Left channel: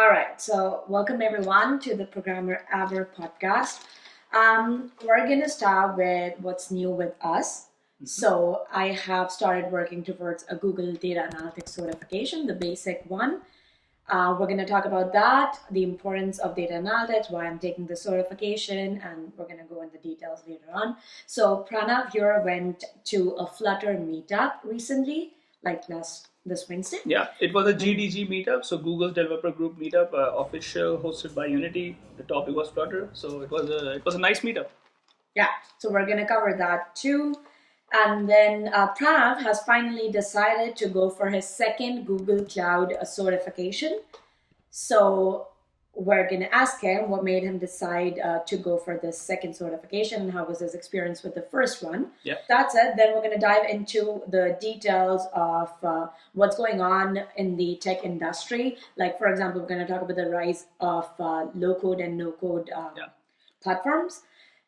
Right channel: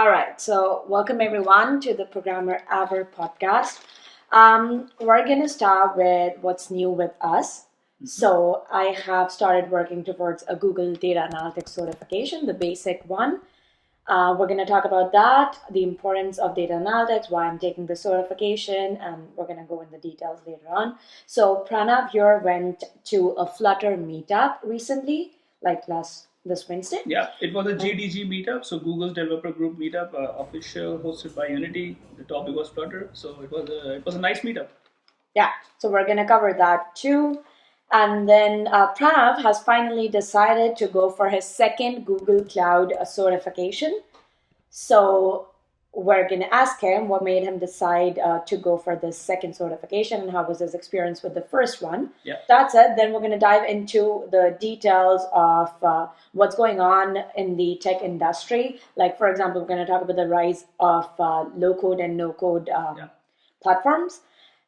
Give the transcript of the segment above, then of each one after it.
All right, so welcome everyone to the Programmer Ever podcast. We're going to start with what's new with us. So, I have started working towards a Google Data Analytics certification, the basic one. We're going to talk about that, the importance of data analytics, why I'm taking the certification, and we're going to go into the details later on. So, Pranav here went to a Flutter meetup recently, like this Wednesday. Yeah, it was a GDG meetup, so Google's developer group meetup, official, hosted by Unity. The topic was Flutter, so it was a nice meetup. Yeah, so we're gonna cover that too. And then Pranav has finally decided to go for his second Google Cloud certification. So we're gonna ask him what made him decide to go for this second certification and how was his experience with the first one. Yeah. That's it. Then we're gonna dive into the details of what's going on in the tech industry. Like, for example, we're gonna talk about the rise of low-code and no-code platforms.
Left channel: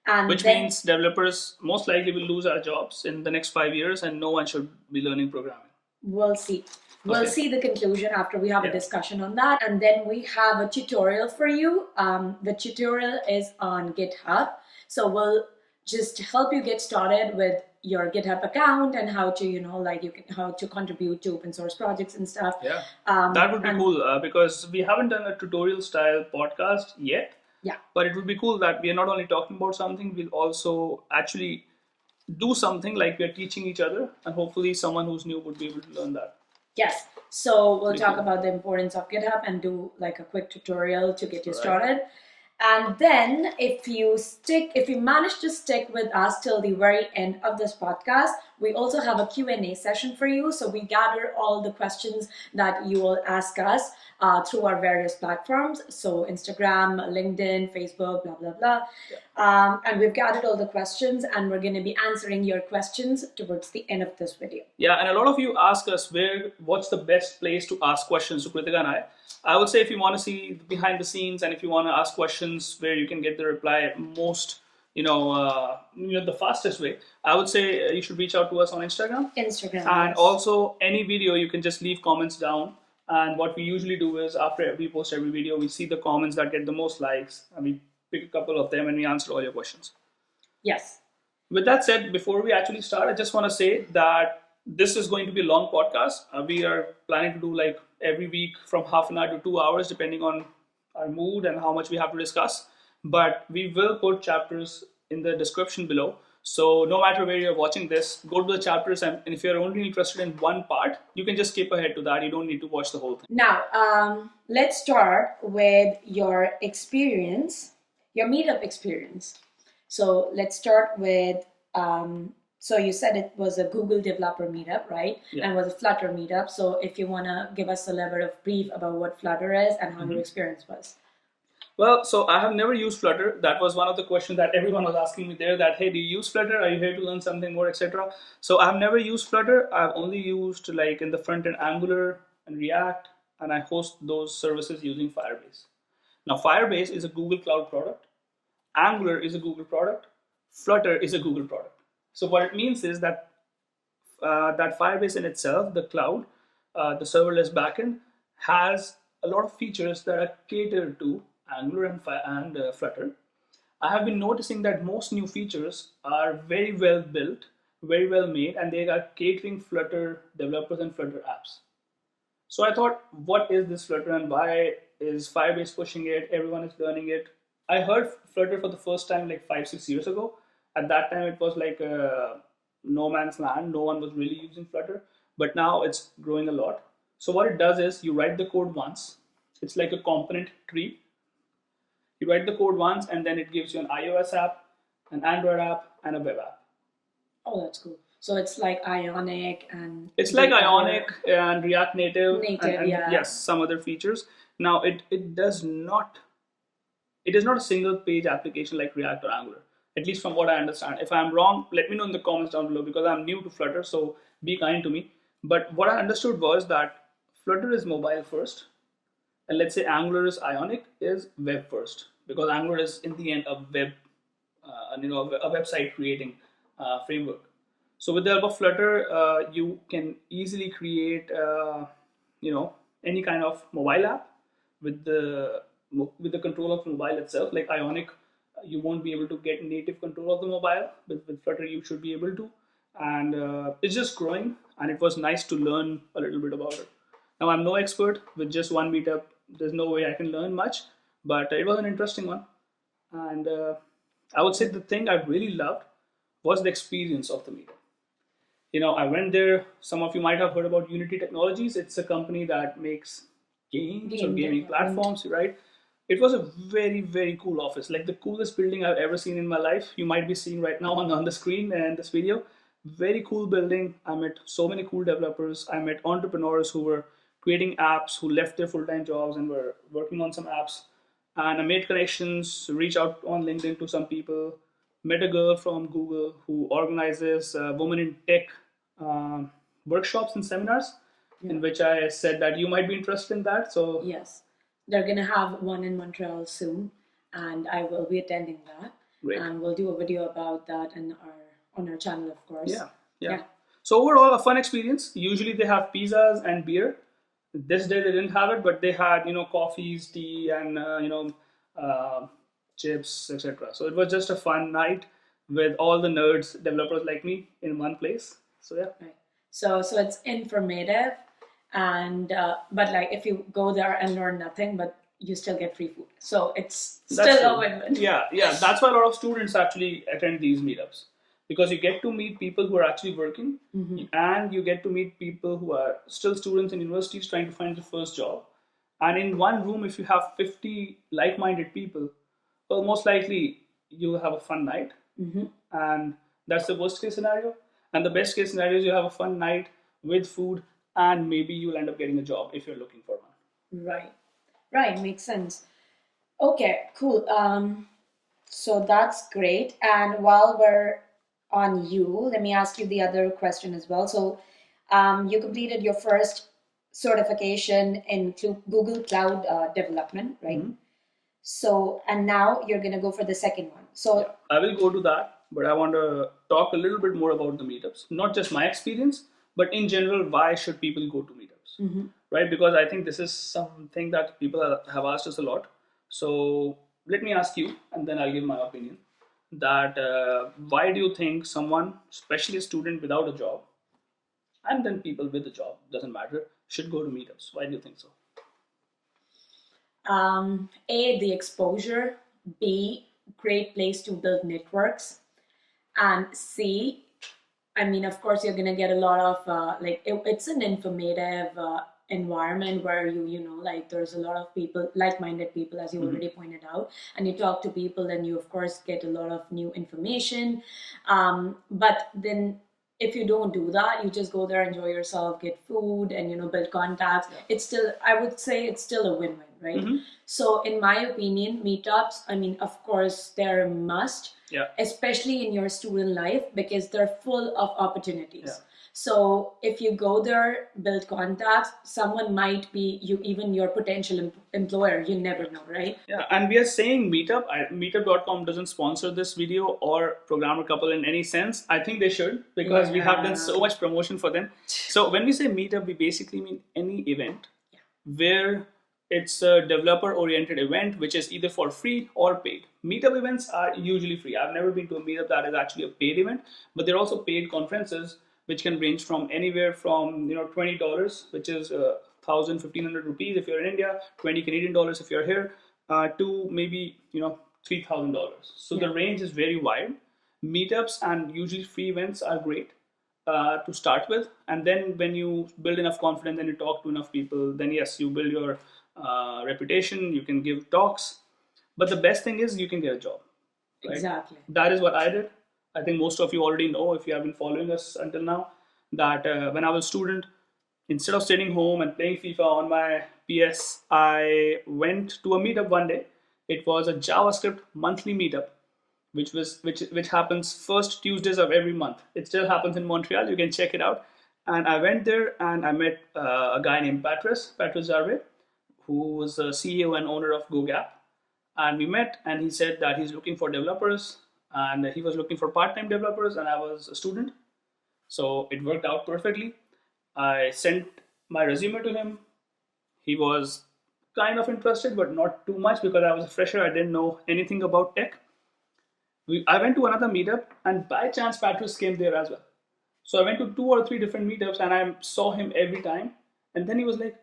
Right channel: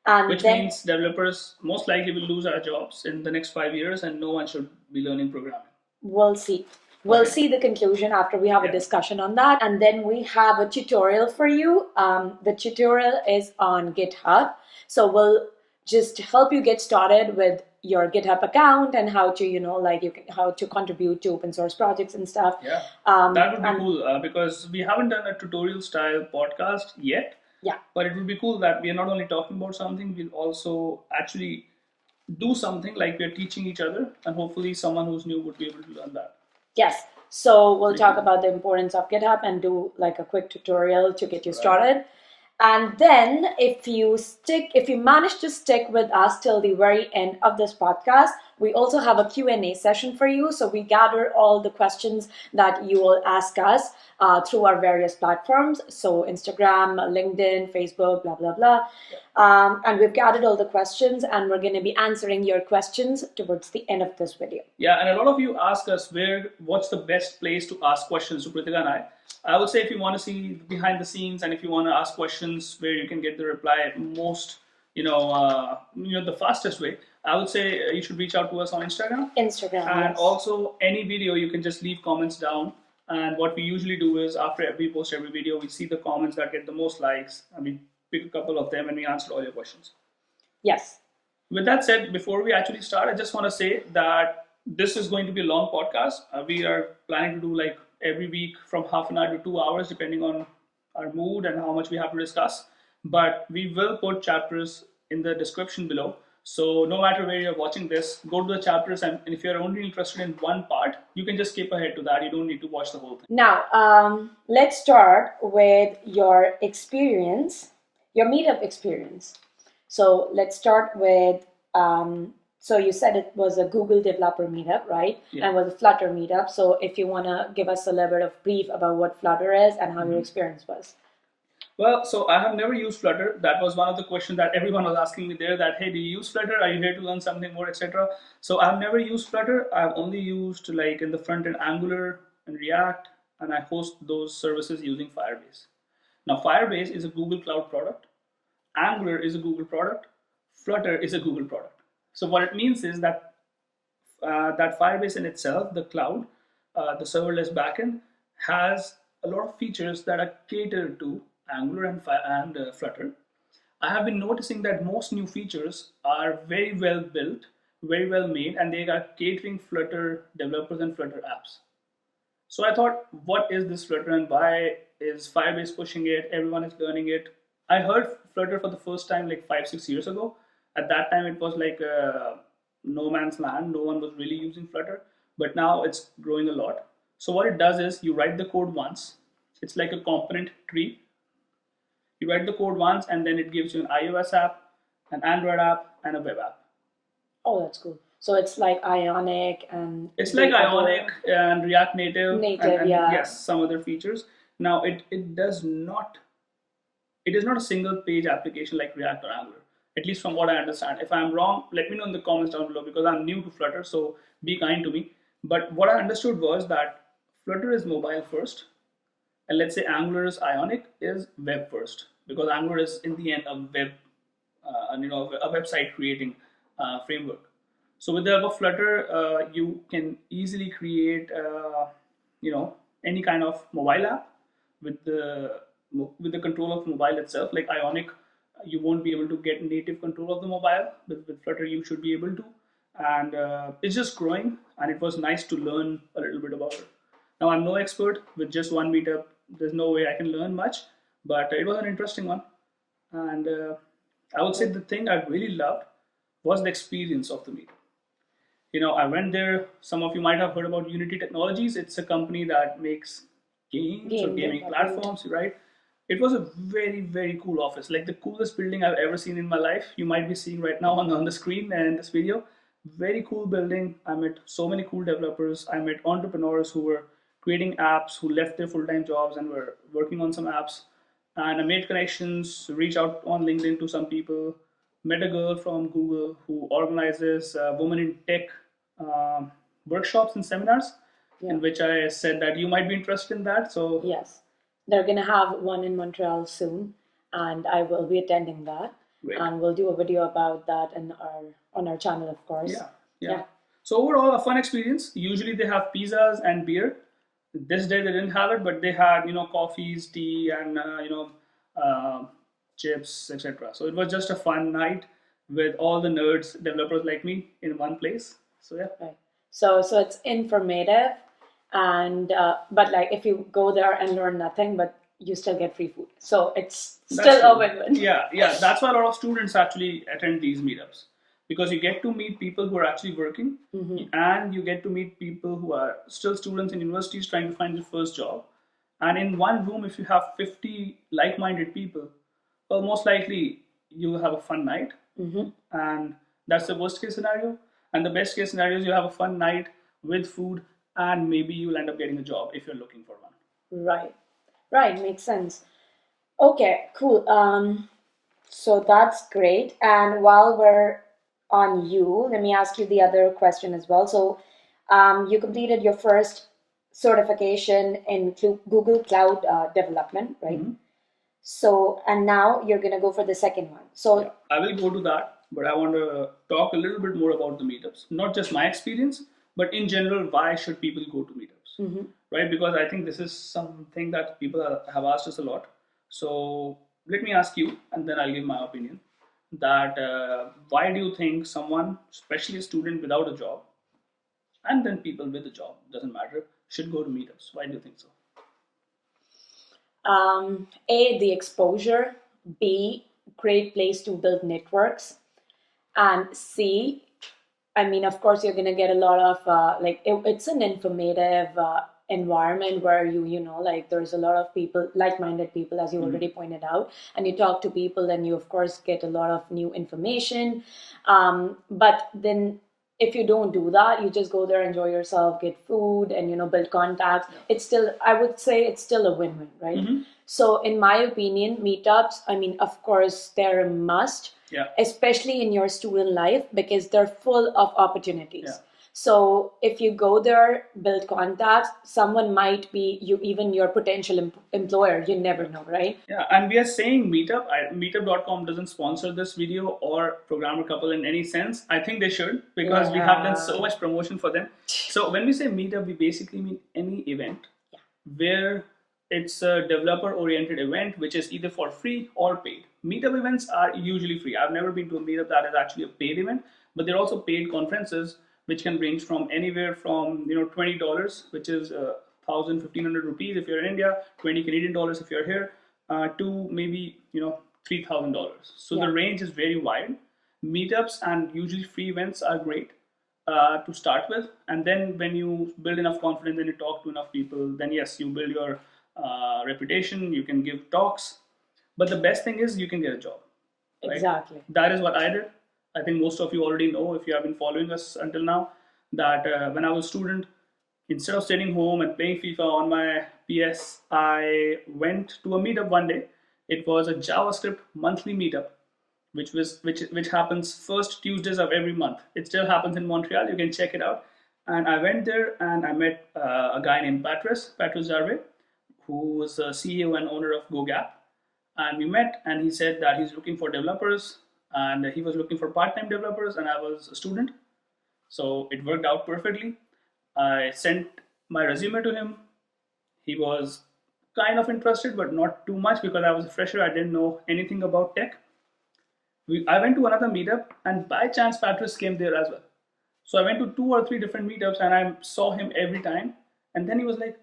And Which then, means developers most likely will lose our jobs in the next 5 years, and no one should be learning programming. we'll see. We'll Okay. see the conclusion after we have a Yeah. discussion on that. And then we have a tutorial for you. The tutorial is on GitHub. So we'll just help you get started with your GitHub account and how to, how to contribute to open source projects and stuff. Yeah, that would be cool because we haven't done a tutorial style podcast yet. Yeah. But it would be cool that we are not only talking about something, we'll also actually do something like we're teaching each other, and hopefully someone who's new would be able to learn that. Yes. So we'll Pretty talk cool. about the importance of GitHub and do like a quick tutorial to get you Right. started. And then if you manage to stick with us till the very end of this podcast, we also have a Q&A session for you. So we gather all the questions that you will ask us through our various platforms. So Instagram, LinkedIn, Facebook, blah, blah, blah. And we've gathered all the questions and we're going to be answering your questions towards the end of this video. Yeah, and a lot of you ask us what's the best place to ask questions to Kritika and I. I would say if you want to see behind the scenes and if you want to ask questions where you can get the reply most, the fastest way, I would say you should reach out to us on Instagram. Instagram. And Yes. also any video, you can just leave comments down. And what we usually do is after we post every video, we see the comments that get the most likes and we pick a couple of them and we answer all your questions. Yes. With that said, before we actually start, I just want to say that this is going to be a long podcast. We are planning to do like every week from half an hour to 2 hours, depending on our mood and how much we have to discuss. But we will put chapters in the description below. So no matter where you're watching this, go to the chapters, and if you're only interested in one part, you can just skip ahead to that. You don't need to watch the whole thing. Now, let's start with your experience, your meetup experience. So let's start with, so you said it was a Google developer meetup, right? Yeah. And it was a Flutter meetup. So if you want to give us a little bit of brief about what Flutter is and how your experience was. Well, so I have never used Flutter. That was one of the questions that everyone was asking me there, that, hey, do you use Flutter? Are you here to learn something more, etc.? So I've never used Flutter. I've only used like in the front end Angular and React, and I host those services using Firebase. Now, Firebase is a Google Cloud product. Angular is a Google product. Flutter is a Google product. So what it means is that that Firebase in itself, the cloud, the serverless backend, has a lot of features that are catered to Angular and Flutter. I have been noticing that most new features are very well built, very well made, and they are catering Flutter developers and Flutter apps. So I thought, what is this Flutter and why is Firebase pushing it? Everyone is learning it. I heard Flutter for the first time like 5-6 years ago. At that time, it was like no man's land. No one was really using Flutter, but now it's growing a lot. So what it does is you write the code once. It's like a component tree. You write the code once, and then it gives you an iOS app, an Android app, and a web app. Oh, that's cool. So it's like Ionic and... It's like Ionic and React Native, and yeah. yes, some other features. Now, it is not a single page application like React or Angular, at least from what I understand. If I'm wrong, let me know in the comments down below because I'm new to Flutter, so be kind to me. But what I understood was that Flutter is mobile first, and let's say Angular is Ionic is web first, because Angular is in the end a website creating framework. So with the help of Flutter, you can easily create any kind of mobile app with the control of mobile itself. Like Ionic, you won't be able to get native control of the mobile. With Flutter, you should be able to, and it's just growing. And it was nice to learn a little bit about it. Now I'm no expert with just one meetup. There's no way I can learn much, but it was an interesting one. And I would say the thing I really loved was the experience of the meetup. I went there. Some of you might have heard about Unity Technologies. It's a company that makes games or Game gaming development. platforms, right? It was a very, very cool office, like the coolest building I've ever seen in my life. You might be seeing right now on the screen and this video. Very cool building. I met so many cool developers. I met entrepreneurs who were creating apps, who left their full-time jobs and were working on some apps. And I made connections, reached out on LinkedIn to some people, met a girl from Google who organizes women in tech uh, workshops and seminars, Yeah. in which I said that you might be interested in that. So Yes, they're gonna have one in Montreal soon, and I will be attending that. great. And we'll do a video about that in our on our channel, of course. Yeah. So overall, a fun experience. Usually they have pizzas and beer. This day they didn't have it, but they had coffees, tea, and uh, chips, etc. So it was just a fun night with all the nerds, developers like me, in one place. So yeah. Right. So it's informative, and but like if you go there and learn nothing, but you still get free food, so it's That's still a true. win-win. Yeah. That's why a lot of students actually attend these meetups, because you get to meet people who are actually working, and you get to meet people who are still students in universities trying to find their first job. And in one room, if you have 50 like-minded people, well, most likely you'll have a fun night. And that's the worst case scenario. And the best case scenario is you have a fun night with food, and maybe you'll end up getting a job if you're looking for one. Right, makes sense. Okay, cool. So that's great. And while we're on you, let me ask you the other question as well. So, you completed your first certification in Google Cloud development, right? So, and now you're gonna go for the second one. So, Yeah, I will go to that, but I want to talk a little bit more about the meetups. Not just my experience, but in general, why should people go to meetups? Right? Because I think this is something that people have asked us a lot. So let me ask you, and then I'll give my opinion. That why do you think someone, especially a student without a job, and then people with a job, doesn't matter, should go to meetups? Why do you think so? A, the exposure, B, great place to build networks, and C, I mean, of course, you're gonna get a lot of it's an informative environment where like there's a lot of people, like-minded people, as you already pointed out, and you talk to people, and you of course get a lot of new information. But then if you don't do that, you just go there, enjoy yourself, get food, and build contacts. It's still, I would say, it's still a win-win, right? So in my opinion, meetups, I mean, of course, they're a must, Yeah. especially in your student life, because they're full of opportunities. Yeah. So if you go there, build contacts, someone might be even your potential employer. You never know, right? Yeah, and we are saying Meetup. Meetup.com doesn't sponsor this video or Programmer Couple in any sense. I think they should, because we have done so much promotion for them. So when we say Meetup, we basically mean any event where it's a developer-oriented event, which is either for free or paid. Meetup events are usually free. I've never been to a meetup that is actually a paid event, but there are also paid conferences, which can range from anywhere from $20, which is 1,000, 1,500 rupees if you're in India, 20 Canadian dollars if you're here, to maybe $3,000. So the range is very wide. Meetups and usually free events are great to start with, and then when you build enough confidence and you talk to enough people, then yes, you build your reputation. You can give talks, but the best thing is you can get a job. Right? Exactly. That is what I did. I think most of you already know, if you have been following us until now, that when I was a student, instead of sitting home and playing FIFA on my PS, I went to a meetup one day. It was a JavaScript monthly meetup, which happens first Tuesdays of every month. It still happens in Montreal. You can check it out. And I went there and I met a guy named Patrice Jarve, who was the CEO and owner of GoGap. And we met, and he said that he's looking for developers, and he was looking for part-time developers, and I was a student. So it worked out perfectly. I sent my resume to him. He was kind of interested, but not too much because I was a fresher. I didn't know anything about tech. I went to another meetup, and by chance, Patrice came there as well. So I went to 2 or 3 different meetups, and I saw him every time. And then he was like,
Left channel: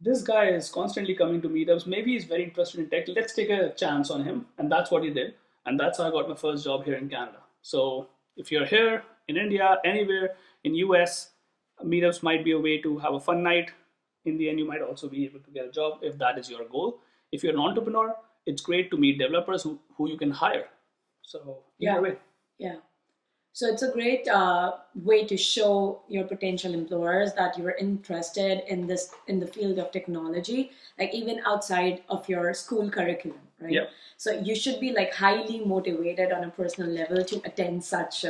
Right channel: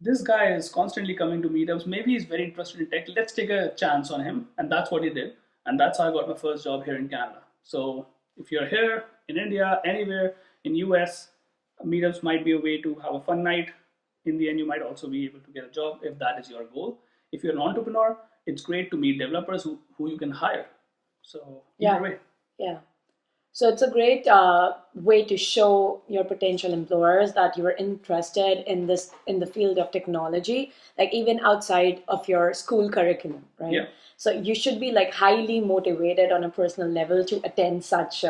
"This guy is constantly coming to meetups. Maybe he's very interested in tech. Let's take a chance on him." And that's what he did. And that's how I got my first job here in Canada. So if you're here in India, anywhere in US, meetups might be a way to have a fun night. In the end, you might also be able to get a job if that is your goal. If you're an entrepreneur, it's great to meet developers who you can hire. So Yeah. either way. Yeah. So it's a great way to show your potential employers that you are interested in the field of technology, like even outside of your school curriculum, right? Yeah. So you should be like highly motivated on a personal level to attend such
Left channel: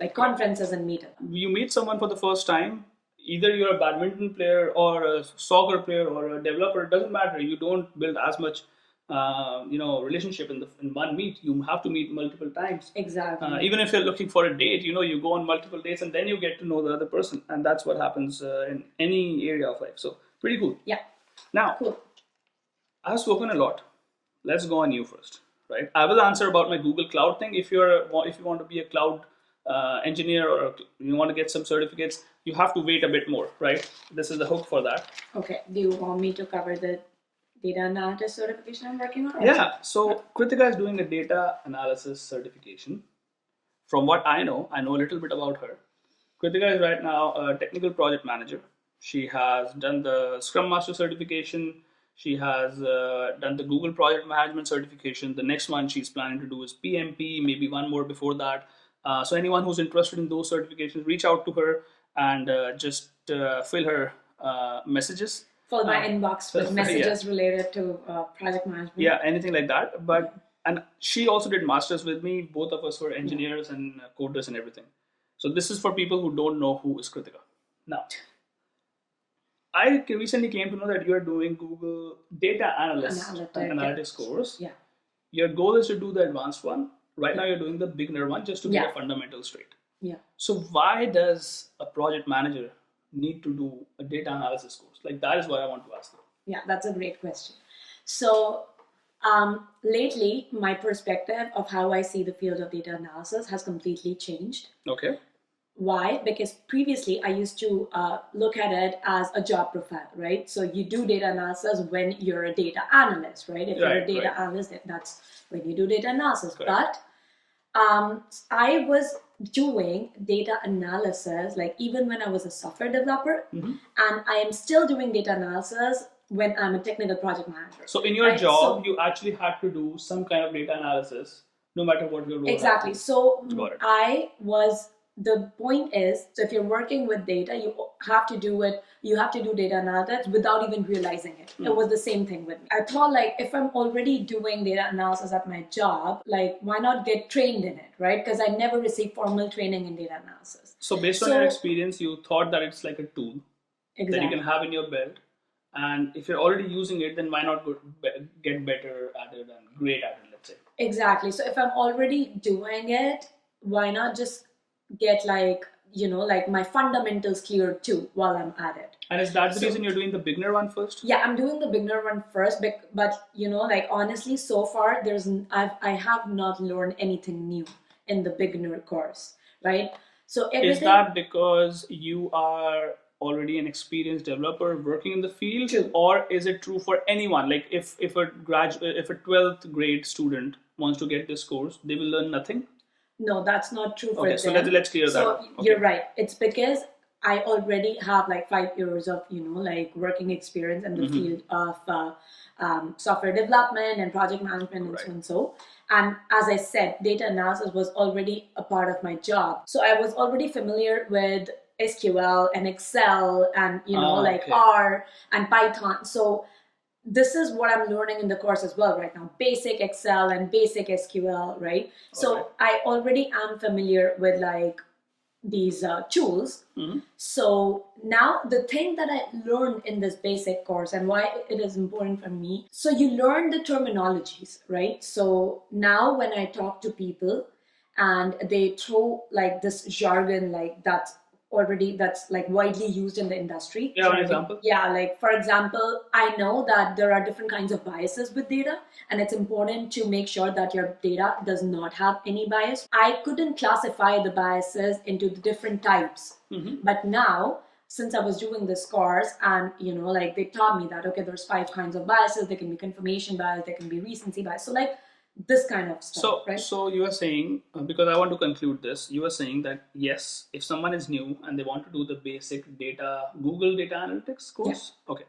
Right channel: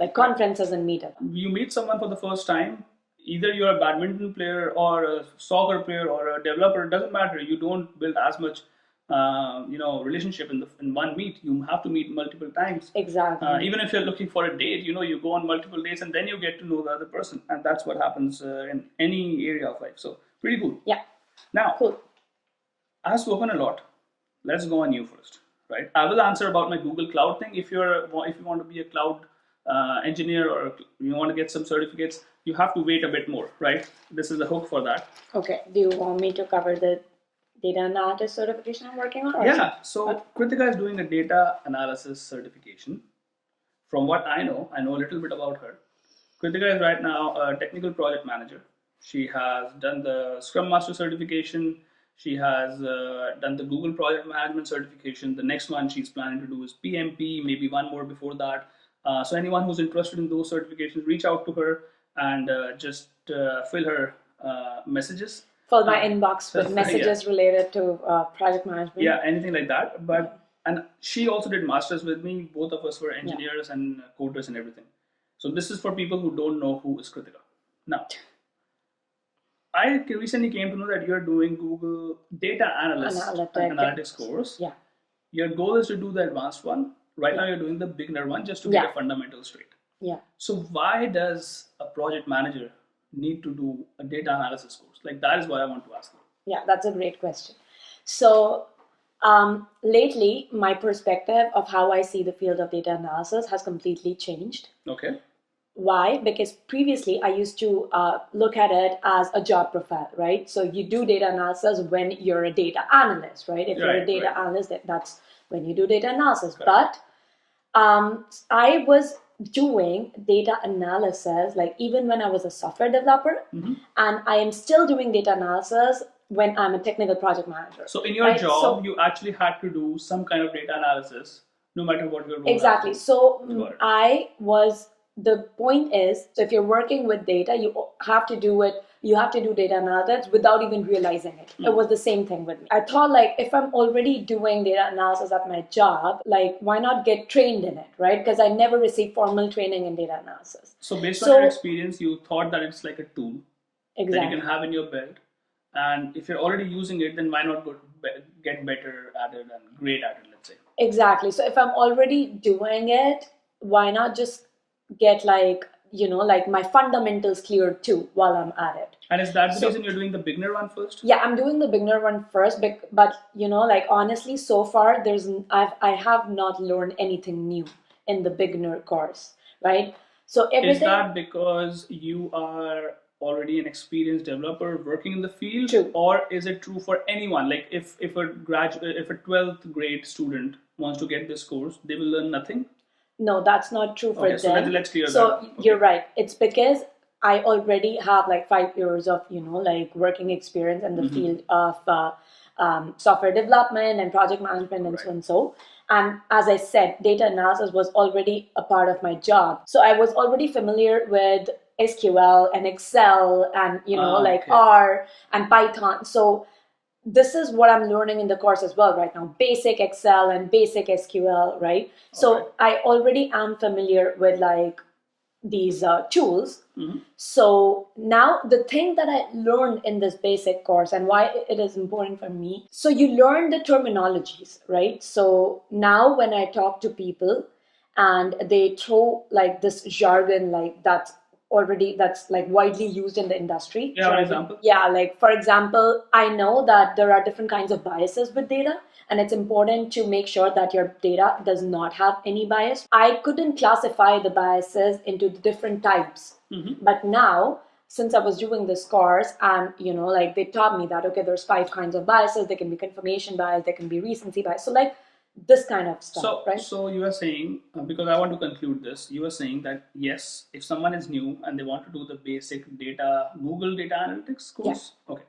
like conferences and meetups. You meet someone for the first time, either you're a badminton player or a soccer player or a developer, it doesn't matter. You don't build as much relationship in one meet. You have to meet multiple times. Exactly. Even if you're looking for a date, you go on multiple dates and then you get to know the other person, and that's what happens in any area of life. So pretty cool. Yeah. Now, Cool. I've spoken a lot. Let's go on you first, right? I will answer about my Google Cloud thing. If you want to be a cloud engineer or you want to get some certificates, you have to wait a bit more, right? This is the hook for that. Okay. Do you want me to cover the data analyst certification I'm working on? Yeah. So Kritika is doing a data analysis certification. From what I know a little bit about her. Kritika is right now a technical project manager. She has done the Scrum Master certification. She has done the Google Project Management certification. The next one she's planning to do is PMP, maybe one more before that. So anyone who's interested in those certifications, reach out to her and just fill her messages. Fill my inbox with messages related to project management. Yeah, anything like that. And she also did masters with me. Both of us were engineers and coders and everything. So this is for people who don't know who is Kritika. Now, I recently came to know that you are doing Google Data Analytics course. Yeah. Your goal is to do the advanced one. Right now, you're doing the beginner one just to get a fundamental straight. Yeah. So why does a project manager need to do a data analysis course? Like, that is what I want to ask you. Yeah, that's a great question. So lately, my perspective of how I see the field of data analysis has completely changed. Okay. Why? Because previously I used to look at it as a job profile, right? So you do data analysis when you're a data analyst, right? If you're a data analyst, that's when you do data analysis. Correct. But I was doing data analysis like even when I was a software developer, and I am still doing data analysis when I'm a technical project manager. So in your job, you actually had to do some kind of data analysis, no matter what your role. Exactly. So the point is, so if you're working with data, you have to do data analytics without even realizing it. It was the same thing with me. I thought like, if I'm already doing data analysis at my job, like why not get trained in it, right? Because I never received formal training in data analysis. So based on your experience, you thought that it's like a tool that you can have in your belt. And if you're already using it, then why not get better at it and great at it, let's say. Exactly. So if I'm already doing it, why not just get like my fundamentals clear too while I'm at it. And is that the reason you're doing the beginner one first? Yeah, I'm doing the beginner one first, but honestly, so far I have not learned anything new in the beginner course, right? So everything. Is that because you are already an experienced developer working in the field? True. Or is it true for anyone? Like if a 12th grade student wants to get this course, they will learn nothing? No, that's not true for them. So let's clear that. So you're right. It's because I already have like 5 years of working experience in the field of software development and project management and so and so. And as I said, data analysis was already a part of my job. So I was already familiar with SQL and Excel and R and Python. So this is what I'm learning in the course as well right now. Basic Excel and basic SQL, right? So I already am familiar with like these tools. So now the thing that I learned in this basic course and why it is important for me. So you learn the terminologies, right? So now when I talk to people and they throw like this jargon like that's already that's like widely used in the industry. You have an example? Yeah, like for example, I know that there are different kinds of biases with data, and it's important to make sure that your data does not have any bias. I couldn't classify the biases into the different types, but now since I was doing this course and like they taught me that okay, there's 5 kinds of biases. There can be confirmation bias, there can be recency bias. So like this kind of stuff, right? So you are saying, because I want to conclude this, you are saying that yes, if someone is new and they want to do the basic Google data analytics course, okay,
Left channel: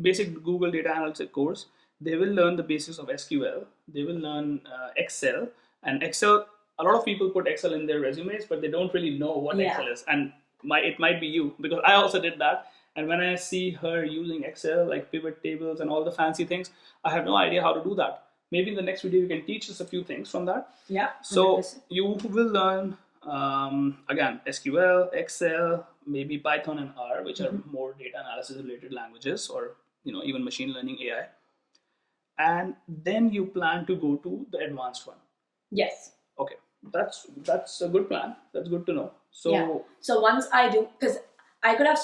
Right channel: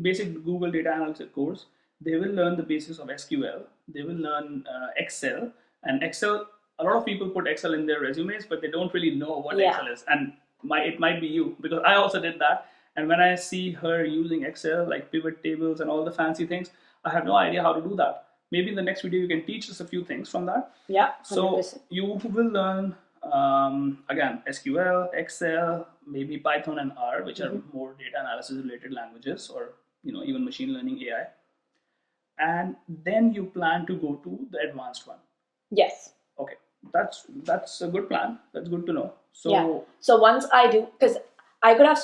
basic Google data analytics course, they will learn the basics of SQL, they will learn Excel, and Excel. A lot of people put Excel in their resumes, but they don't really know what Excel is, and it might be you, because I also did that. And when I see her using Excel, like pivot tables and all the fancy things, I have no idea how to do that. Maybe in the next video you can teach us a few things from that. Yeah. 100%. So you will learn again SQL, Excel, maybe Python and R, which are more data analysis related languages, or even machine learning, AI. And then you plan to go to the advanced one. Yes. Okay, that's a good plan. That's good to know. So yeah. So once I do, because I could have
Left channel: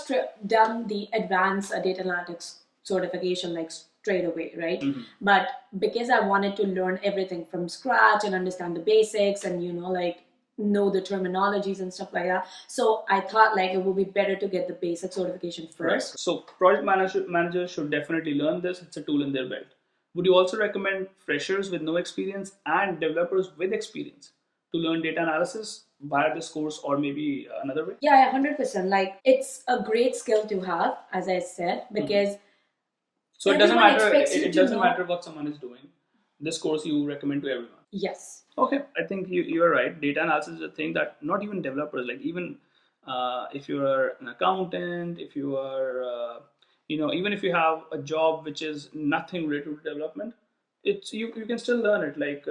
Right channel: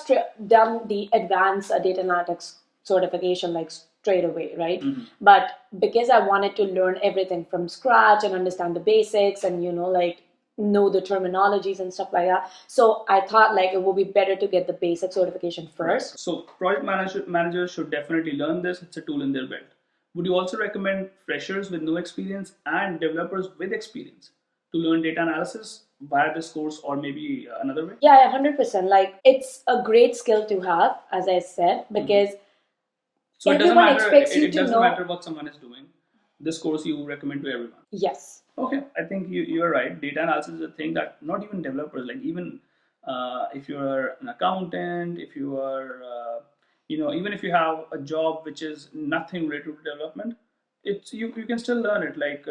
done the advanced data analytics certification like straight away, right? But because I wanted to learn everything from scratch and understand the basics and like know the terminologies and stuff like that, so I thought like it would be better to get the basic certification first. Right. So project managers should definitely learn this. It's a tool in their belt. Would you also recommend freshers with no experience and developers with experience to learn data analysis via this course, or maybe another way? Yeah, 100%. Like it's a great skill to have, as I said, because so it doesn't matter. It doesn't matter what someone is doing. This course you recommend to everyone. Yes. Okay, I think you are right. Data analysis is a thing that not even developers, like even if you are an accountant, if you are even if you have a job which is nothing related to development, it's you can still learn it. Like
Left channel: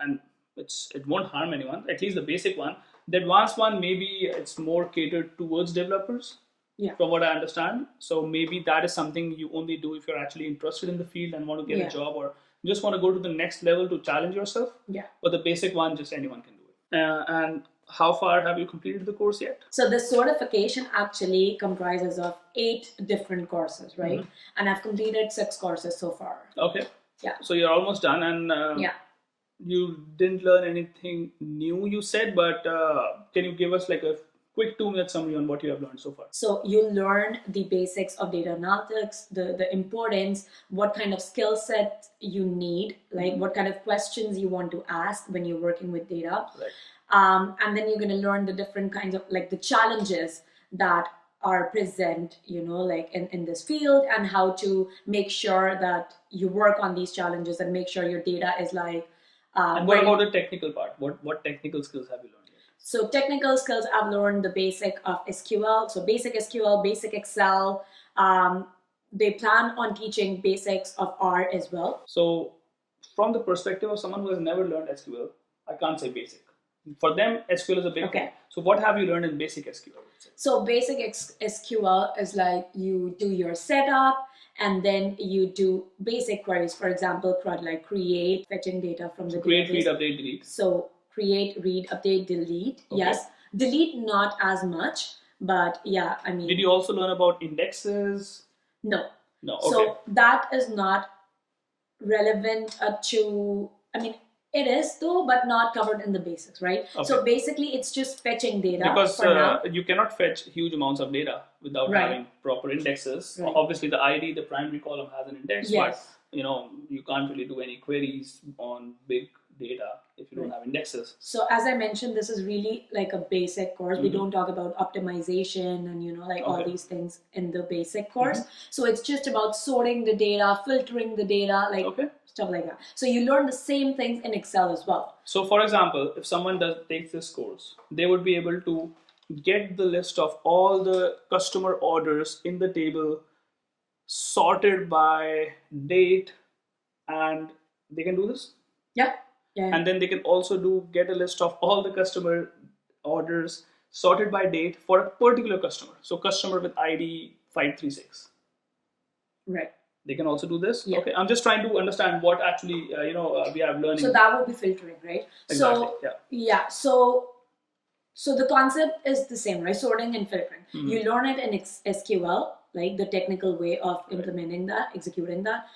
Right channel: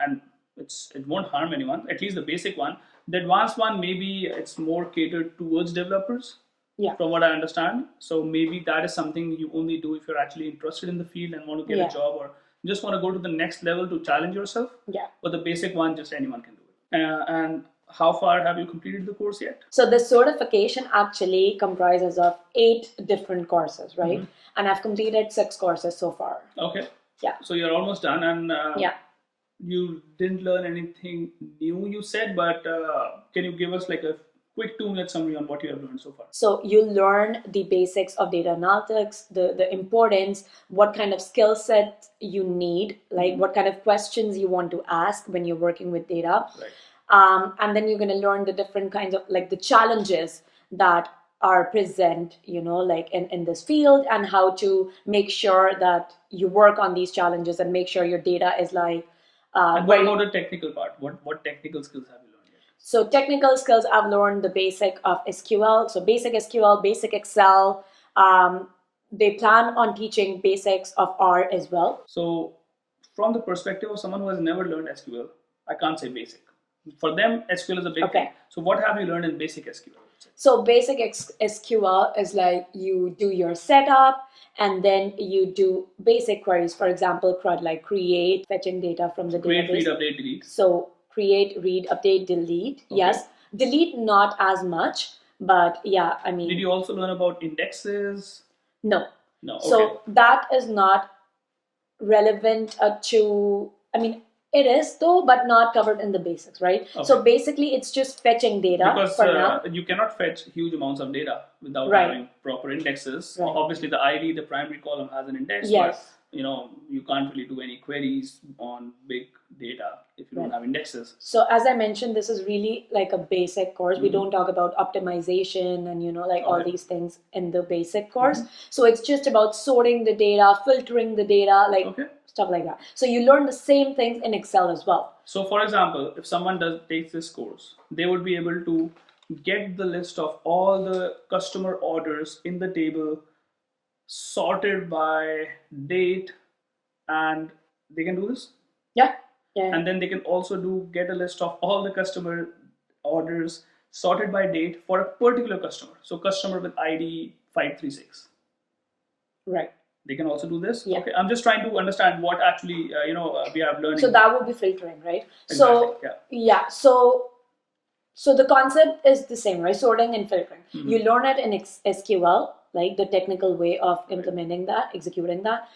and it won't harm anyone. At least the basic one. The advanced one, maybe it's more catered towards developers. Yeah. From what I understand. So maybe that is something you only do if you're actually interested in the field and want to get a job, or just want to go to the next level to challenge yourself. Yeah. But the basic one, just anyone can do it. And how far have you completed the course yet? So the certification actually comprises of 8 different courses, right? And I've completed 6 courses so far. Okay. Yeah. So you're almost done, and you didn't learn anything new, you said, but can you give us like a quick 2-minute summary on what you have learned so far? So you learn the basics of data analytics, the importance, what kind of skill set you need, like what kind of questions you want to ask when you're working with data. Right. And then you're going to learn the different kinds of like the challenges that are present, like in this field, and how to make sure that you work on these challenges and make sure your data is like. And what about the technical part? What technical skills have you learned? So technical skills, I've learned the basic of SQL. So basic SQL, basic Excel. They plan on teaching basics of R as well. So from the perspective of someone who has never learned SQL, I can't say basic. For them, SQL is a big thing. So what have you learned in basic SQL? So basic SQL is like you do your setup, and then you do basic queries. For example, like create, fetching data from the database. Create, read, update, delete. So create, read, update, delete. Okay. Yes. Delete not as much, but yeah, I mean. Did you also learn about indexes? No. No. Okay. So that is not relevant to, I mean, it is though, but not covered in the basics, right? Okay. So basically it's just fetching data. Because for now. You cannot fetch huge amounts of data without having proper indexes. Right. Obviously the ID, the primary column has an index, but you can't really do any queries on big data if you don't have indexes. So as I mentioned, this is really like a basic course. We don't talk about optimization and all these things in the basic course. So it's just about sorting the data, filtering the data, stuff like that. So you learn the same things in Excel as well. So for example, if someone takes this course, they would be able to get the list of all the customer orders in the table sorted by date, and they can do this? Yeah. And then they can also get a list of all the customer orders sorted by date for a particular customer. So customer with ID 536. Right. They can also do this? Yeah. Okay, I'm just trying to understand what actually, we are learning. So that would be filtering, right? Exactly. So, so So the concept is the same, right? Sorting and filtering. Mhm. You learn it in SQL, like the technical way of implementing that, executing that.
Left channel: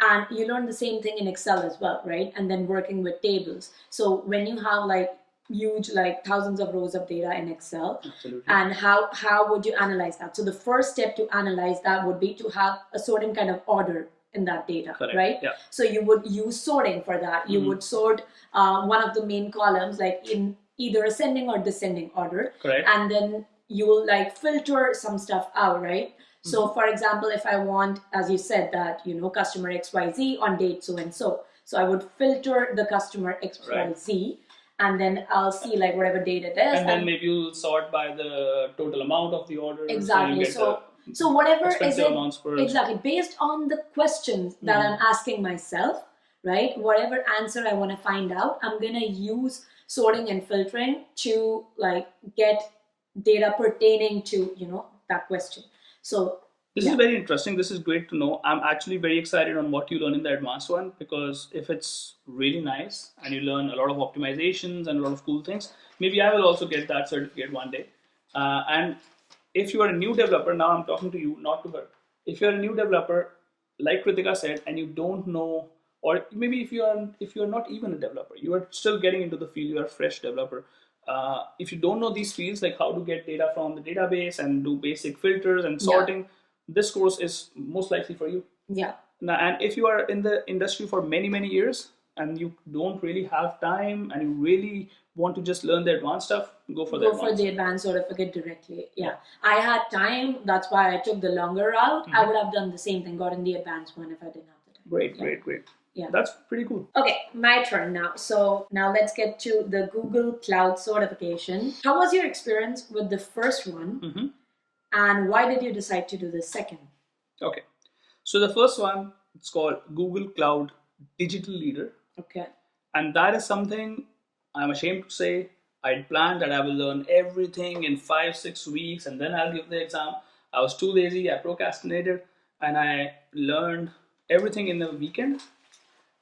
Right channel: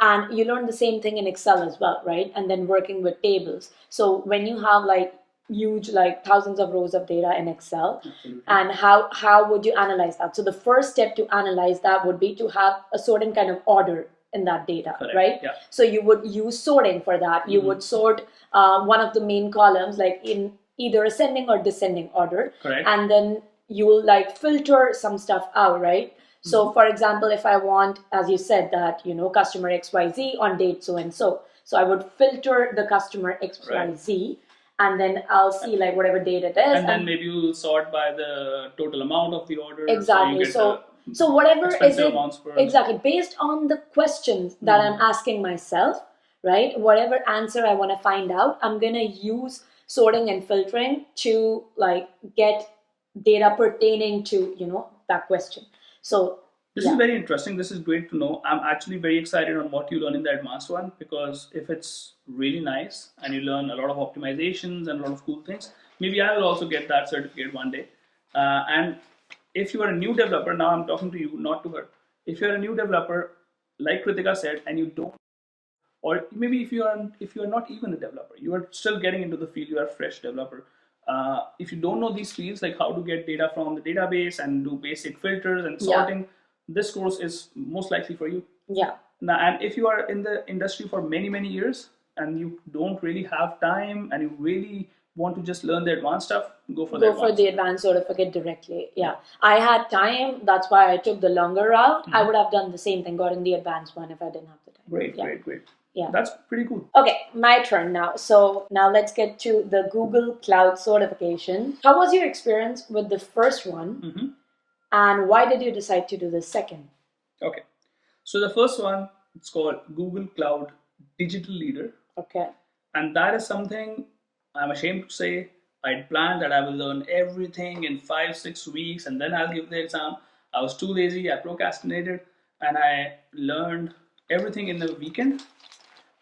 And you learn the same thing in Excel as well, right? And then working with tables. So when you have like huge, like thousands of rows of data in Excel, Absolutely. and how would you analyze that? So the first step to analyze that would be to have a certain kind of order in that data, Correct. right? Yeah. So you would use sorting for that. You would sort one of the main columns like in either ascending or descending order. Correct. And then you will like filter some stuff out, right? So for example, if I want, as you said, that customer XYZ on date so and so, so I would filter the customer XYZ, and then I'll see like whatever date it is, and then maybe you'll sort by the total amount of the order. Exactly. So whatever is expensive it, amounts for exactly based on the questions that I'm asking myself, right? Whatever answer I want to find out, I'm gonna use sorting and filtering to like get data pertaining to that question. So This is very interesting. This is great to know. I'm actually very excited on what you learn in the advanced one, because if it's really nice and you learn a lot of optimizations and a lot of cool things, maybe I will also get that certificate one day. And if you are a new developer, now I'm talking to you, not to her. If you're a new developer, like Kritika said, and you don't know, or maybe if you are not even a developer, you are still getting into the field, you are a fresh developer. If you don't know these fields, like how to get data from the database and do basic filters and sorting, this course is most likely for you. Yeah. Now, and if you are in the industry for many years and you don't really have time and you really want to just learn the advanced stuff, go for the advanced certificate directly. Yeah. I had time, that's why I took the longer route. I would have done the same thing, gotten the advanced one if I didn't have the time. Great. Yeah. That's pretty cool. Okay, my turn now. So now let's get to the Google Cloud certification. How was your experience with the first one? And why did you decide to do the second? Okay. So the first one, it's called Google Cloud Digital Leader. Okay. And that is something I'm ashamed to say. I'd planned that I will learn everything in 5-6 weeks and then I'll give the exam. I was too lazy, I procrastinated, and I learned everything in the weekend,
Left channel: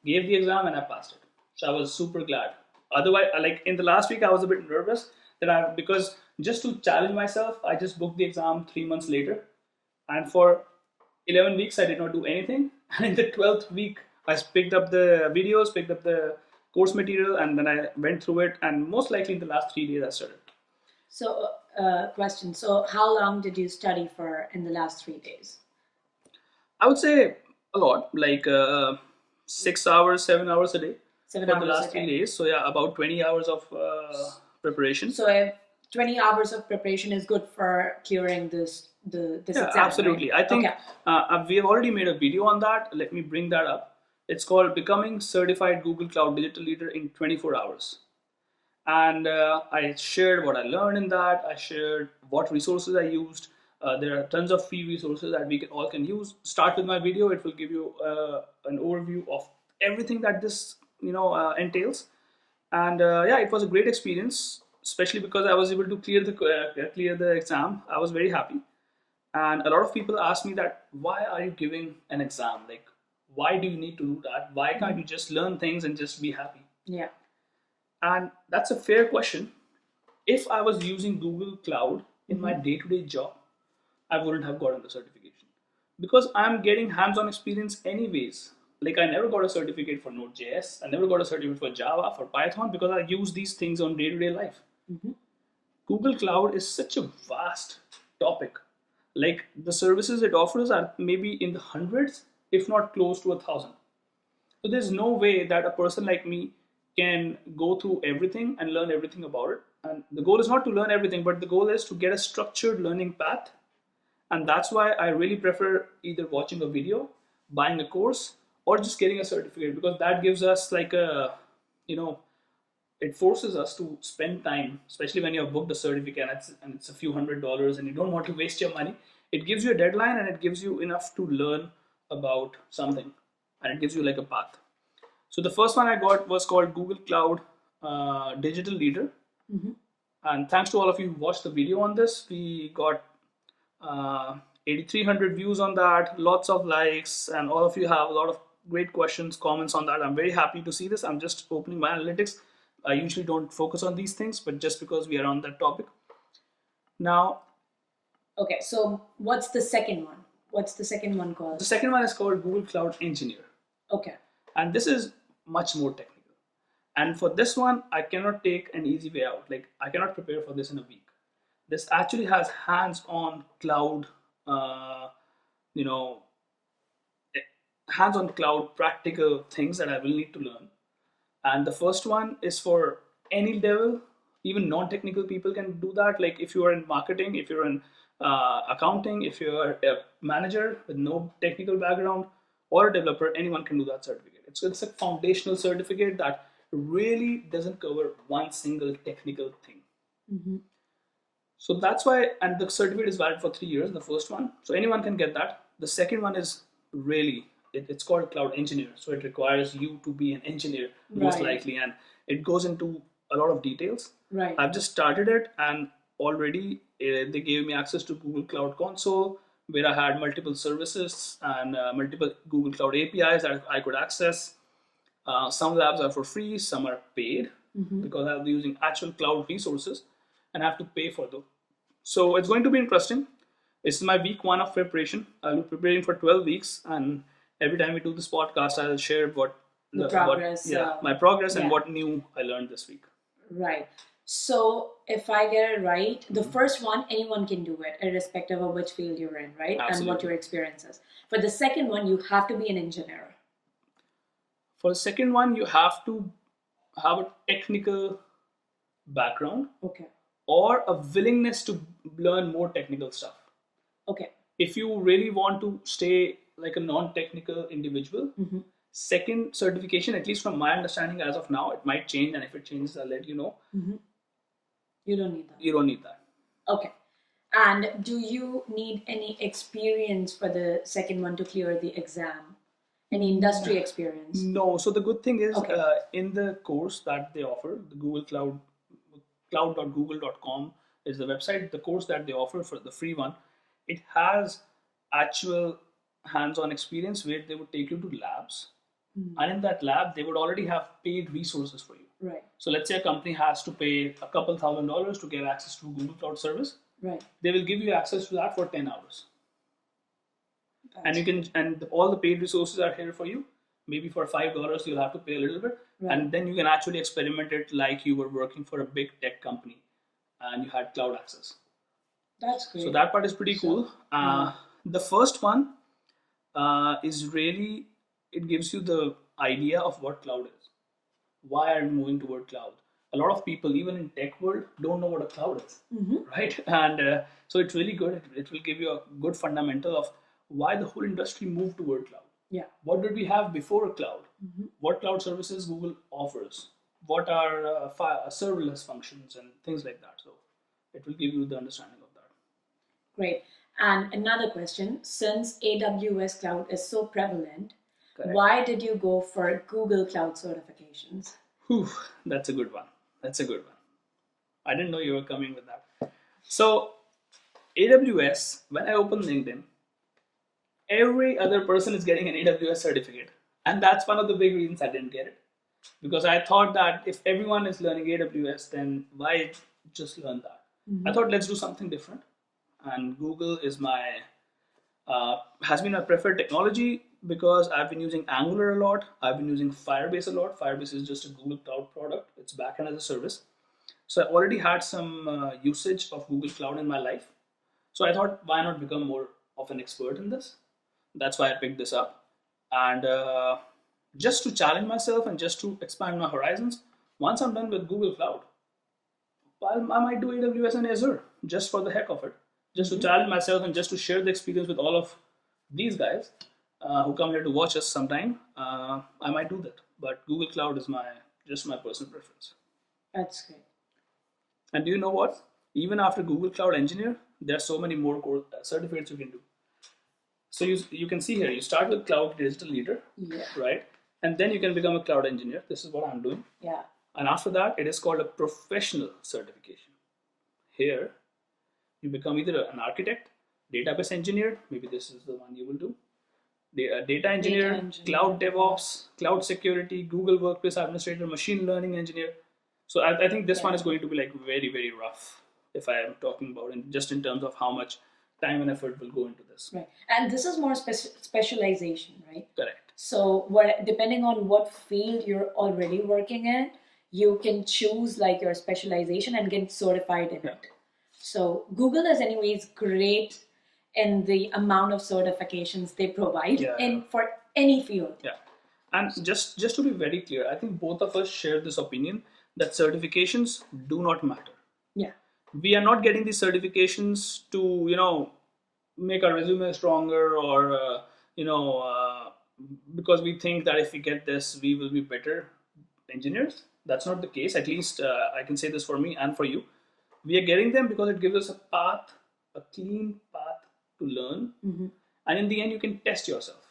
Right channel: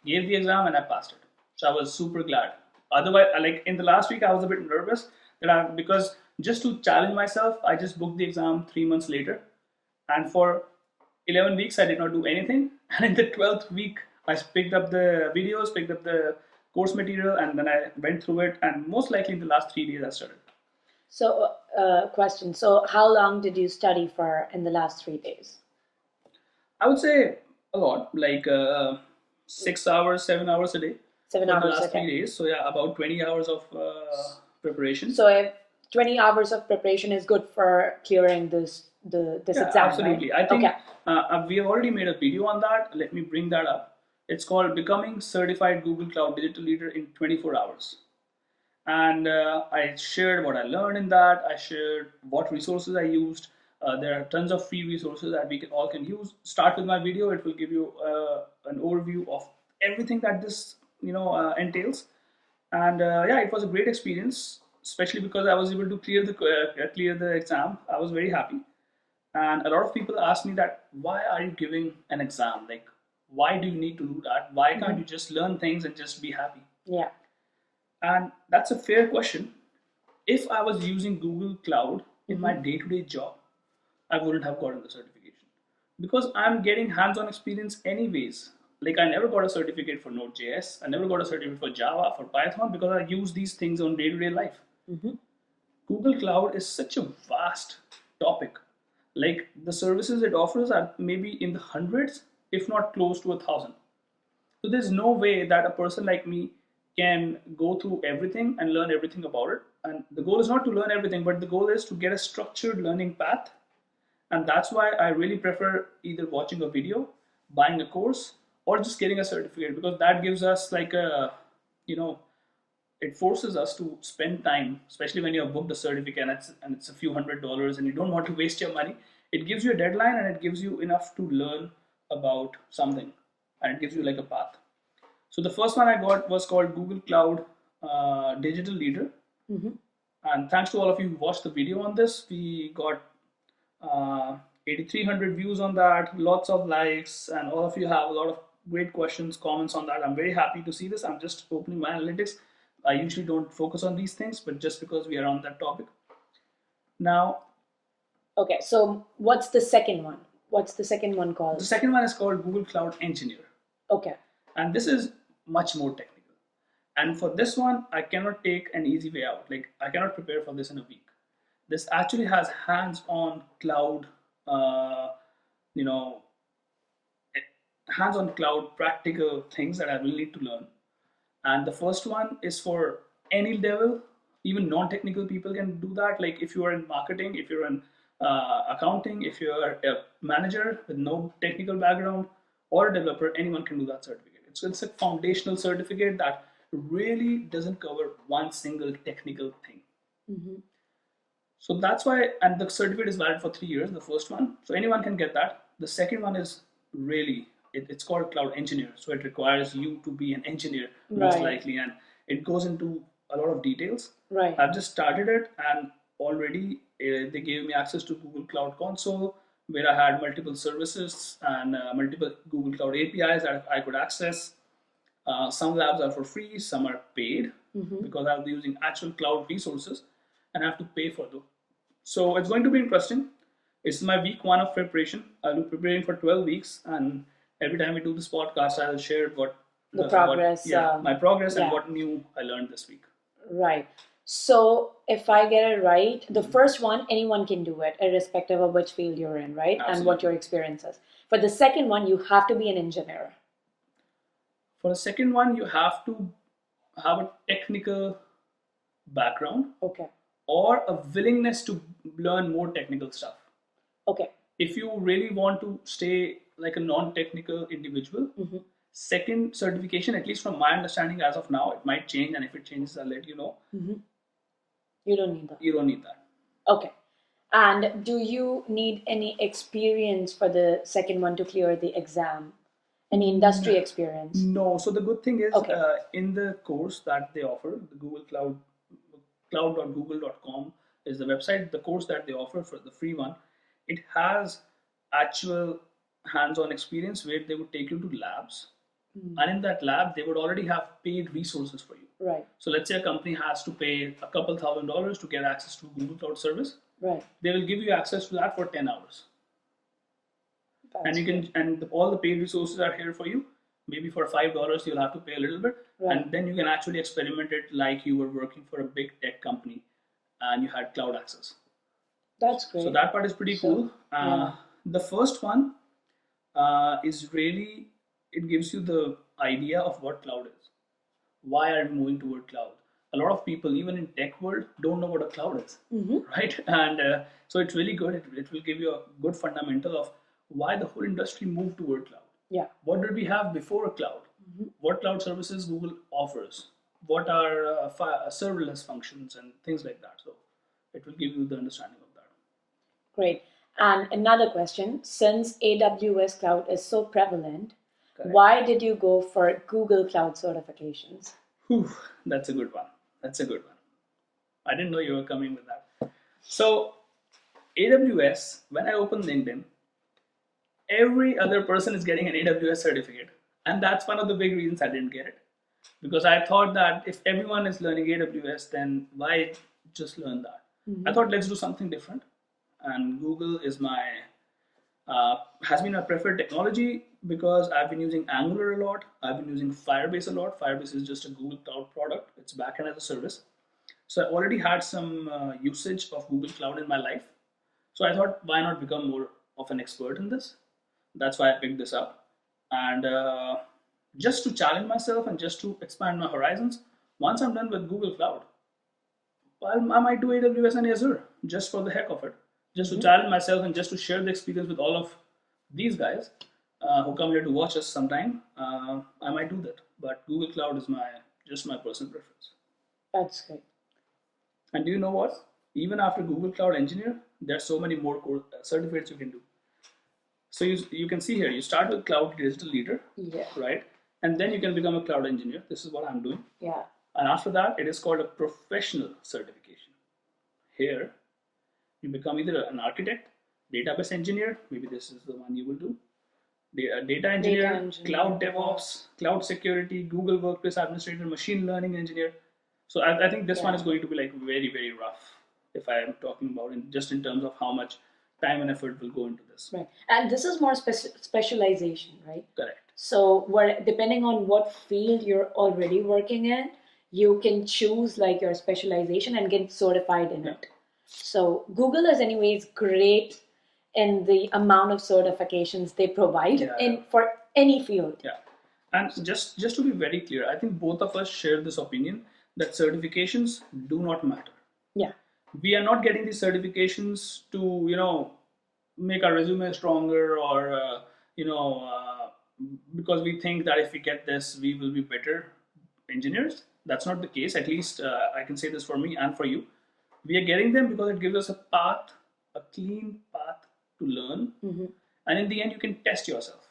gave the exam, and I passed it. So I was super glad. Otherwise, like in the last week, I was a bit nervous because just to challenge myself, I just booked the exam 3 months later. And for 11 weeks, I did not do anything. And in the 12th week, I picked up the videos, picked up the course material, and then I went through it. And most likely in the last 3 days, I started. So, question. So, how long did you study for in the last 3 days? I would say a lot, like 6 hours, 7 hours a day. 7 for hours the last a day. 3 days. So yeah, about 20 hours of preparation. So, if 20 hours of preparation is good for clearing this exam, absolutely. Right? I think we have already made a video on that. Let me bring that up. It's called Becoming Certified Google Cloud Digital Leader in 24 Hours. And I shared what I learned in that. I shared what resources I used. There are tons of free resources that we all can use. Start with my video. It will give you an overview of everything that this entails. And yeah, it was a great experience, especially because I was able to clear the exam. I was very happy. And a lot of people ask me that, why are you giving an exam? Like, why do you need to do that? Why can't you just learn things and just be happy? Yeah. And that's a fair question. If I was using Google Cloud in my day-to-day job, I wouldn't have gotten the certification, because I'm getting hands-on experience anyways. Like, I never got a certificate for Node.js. I never got a certificate for Java, for Python, because I use these things on day-to-day life. Google Cloud is such a vast topic. Like, the services it offers are maybe in the hundreds, if not close to 1,000. So there's no way that a person like me can go through everything and learn everything about it. And the goal is not to learn everything, but the goal is to get a structured learning path. And that's why I really prefer either watching a video, buying a course, or just getting a certificate, because that gives us like a, it forces us to spend time, especially when you have booked a certificate and it's a few $100s and you don't want to waste your money. It gives you a deadline and it gives you enough to learn about something, and it gives you like a path. So the first one I got was called Google Cloud Digital Leader. And thanks to all of you who watched the video on this, we got 8,300 views on that, lots of likes, and all of you have a lot of great questions, comments on that. I'm very happy to see this. I'm just opening my analytics. I usually don't focus on these things, but just because we are on that topic. Now, Okay, so what's the second one? What's the second one called? the second one is called Google Cloud Engineer. Okay. And this is much more technical. And for this one, I cannot take an easy way out. Like, I cannot prepare for this in a week. This actually has hands-on cloud, you know, hands-on cloud practical things that I will need to learn. And the first one is for any level, even non-technical people can do that. Like if you are in marketing, if you're in accounting, if you're a manager with no technical background or a developer, anyone can do that certificate. It's a foundational certificate that really doesn't cover one single technical thing. Mm-hmm. So that's why, and the certificate is valid for 3 years, the first one. So anyone can get that. The second one is really, it's called Cloud Engineer. So it requires you to be an engineer, most likely. And it goes into a lot of details. Right. I've just started it, and already they gave me access to Google Cloud Console, where I had multiple services and multiple Google Cloud APIs that I could access. Some labs are for free, some are paid, because I'll be using actual cloud resources and I have to pay for them. So it's going to be interesting. It's my week 1 of preparation. I'll be preparing for 12 weeks, and every time we do this podcast, I'll share what the progress. my progress and what new I learned this week. Right. So if I get it right, the first one, anyone can do it, irrespective of which field you're in, right? Absolutely. And what your experience is. For the second one, you have to be an engineer. For the second one, you have to have a technical background. Okay. Or a willingness to learn more technical stuff. Okay. If you really want to stay like a non-technical individual, second certification, at least from my understanding as of now, it might change, and if it changes, I'll let you know. You don't need that. You don't need that. Okay. And do you need any experience for the second one to clear the exam? Any industry experience? No. So the good thing is, in the course that they offer, the Google cloud.google.com is the website. The course that they offer for the free one, it has actual hands-on experience where they would take you to labs, and in that lab they would already have paid resources for you. Right. So let's say a company has to pay a couple $1,000s to get access to Google Cloud service. Right. They will give you access to that for 10 hours. And you can, all the paid resources are here for you. Maybe for $5 you'll have to pay a little bit, and then you can actually experiment it like you were working for a big tech company and you had cloud access. That's great. So that part is pretty cool. The first one is really, it gives you the idea of what cloud is. Why are we moving toward cloud? A lot of people, even in tech world, don't know what a cloud is, right? And so it's really good. It will give you a good fundamental of why the whole industry moved toward cloud. Yeah. What did we have before a cloud? What cloud services Google offers? What are serverless functions and things like that? So it will give you the understanding of that. Great. And another question, since AWS cloud is so prevalent, Correct. Why did you go for Google Cloud certifications? Whew, that's a good one. That's a good one. I didn't know you were coming with that. So AWS, when I open LinkedIn, every other person is getting an AWS certificate. And that's one of the big reasons I didn't get it. Because I thought that if everyone is learning AWS, then why just learn that? I thought, let's do something different. And Google is has been my preferred technology because I've been using Angular a lot. I've been using Firebase a lot. Firebase is just a Google Cloud product. It's backend as a service. So I already had some usage of Google Cloud in my life. So I thought, why not become more of an expert in this? That's why I picked this up. And just to challenge myself and just to expand my horizons, once I'm done with Google Cloud, I might do AWS and Azure just for the heck of it. Just to challenge myself and just to share the experience with all of these guys who come here to watch us sometime. I might do that. But Google Cloud is just my personal preference. That's great. And do you know what? Even after Google Cloud Engineer, there are so many more certificates you can do. So you can see here, you start with Cloud Digital Leader, right? And then you can become a Cloud Engineer. This is what I'm doing. Yeah. And after that, it is called a professional certification. Here, you become either an architect, database engineer, maybe this is the one you will do, data engineer, cloud DevOps, cloud security, Google Workplace Administrator, machine learning engineer. So I think this one Yeah. is going to be like very, very rough if I am talking about just in terms of how much time and effort will go into this. Right. And this is more specialization, right? Correct. So where depending on what field you're already working in, you can choose like your specialization and get certified in it. So Google is anyways great in the amount of certifications they provide in for any field. Yeah. And just to be very clear, I think both of us share this opinion that certifications do not matter. Yeah. We are not getting these certifications to, make our resume stronger or, because we think that if we get this, we will be better engineers. That's not the case. At least I can say this for me and for you. We are getting them because it gives us a path, a clean path to learn. And in the end, you can test yourself.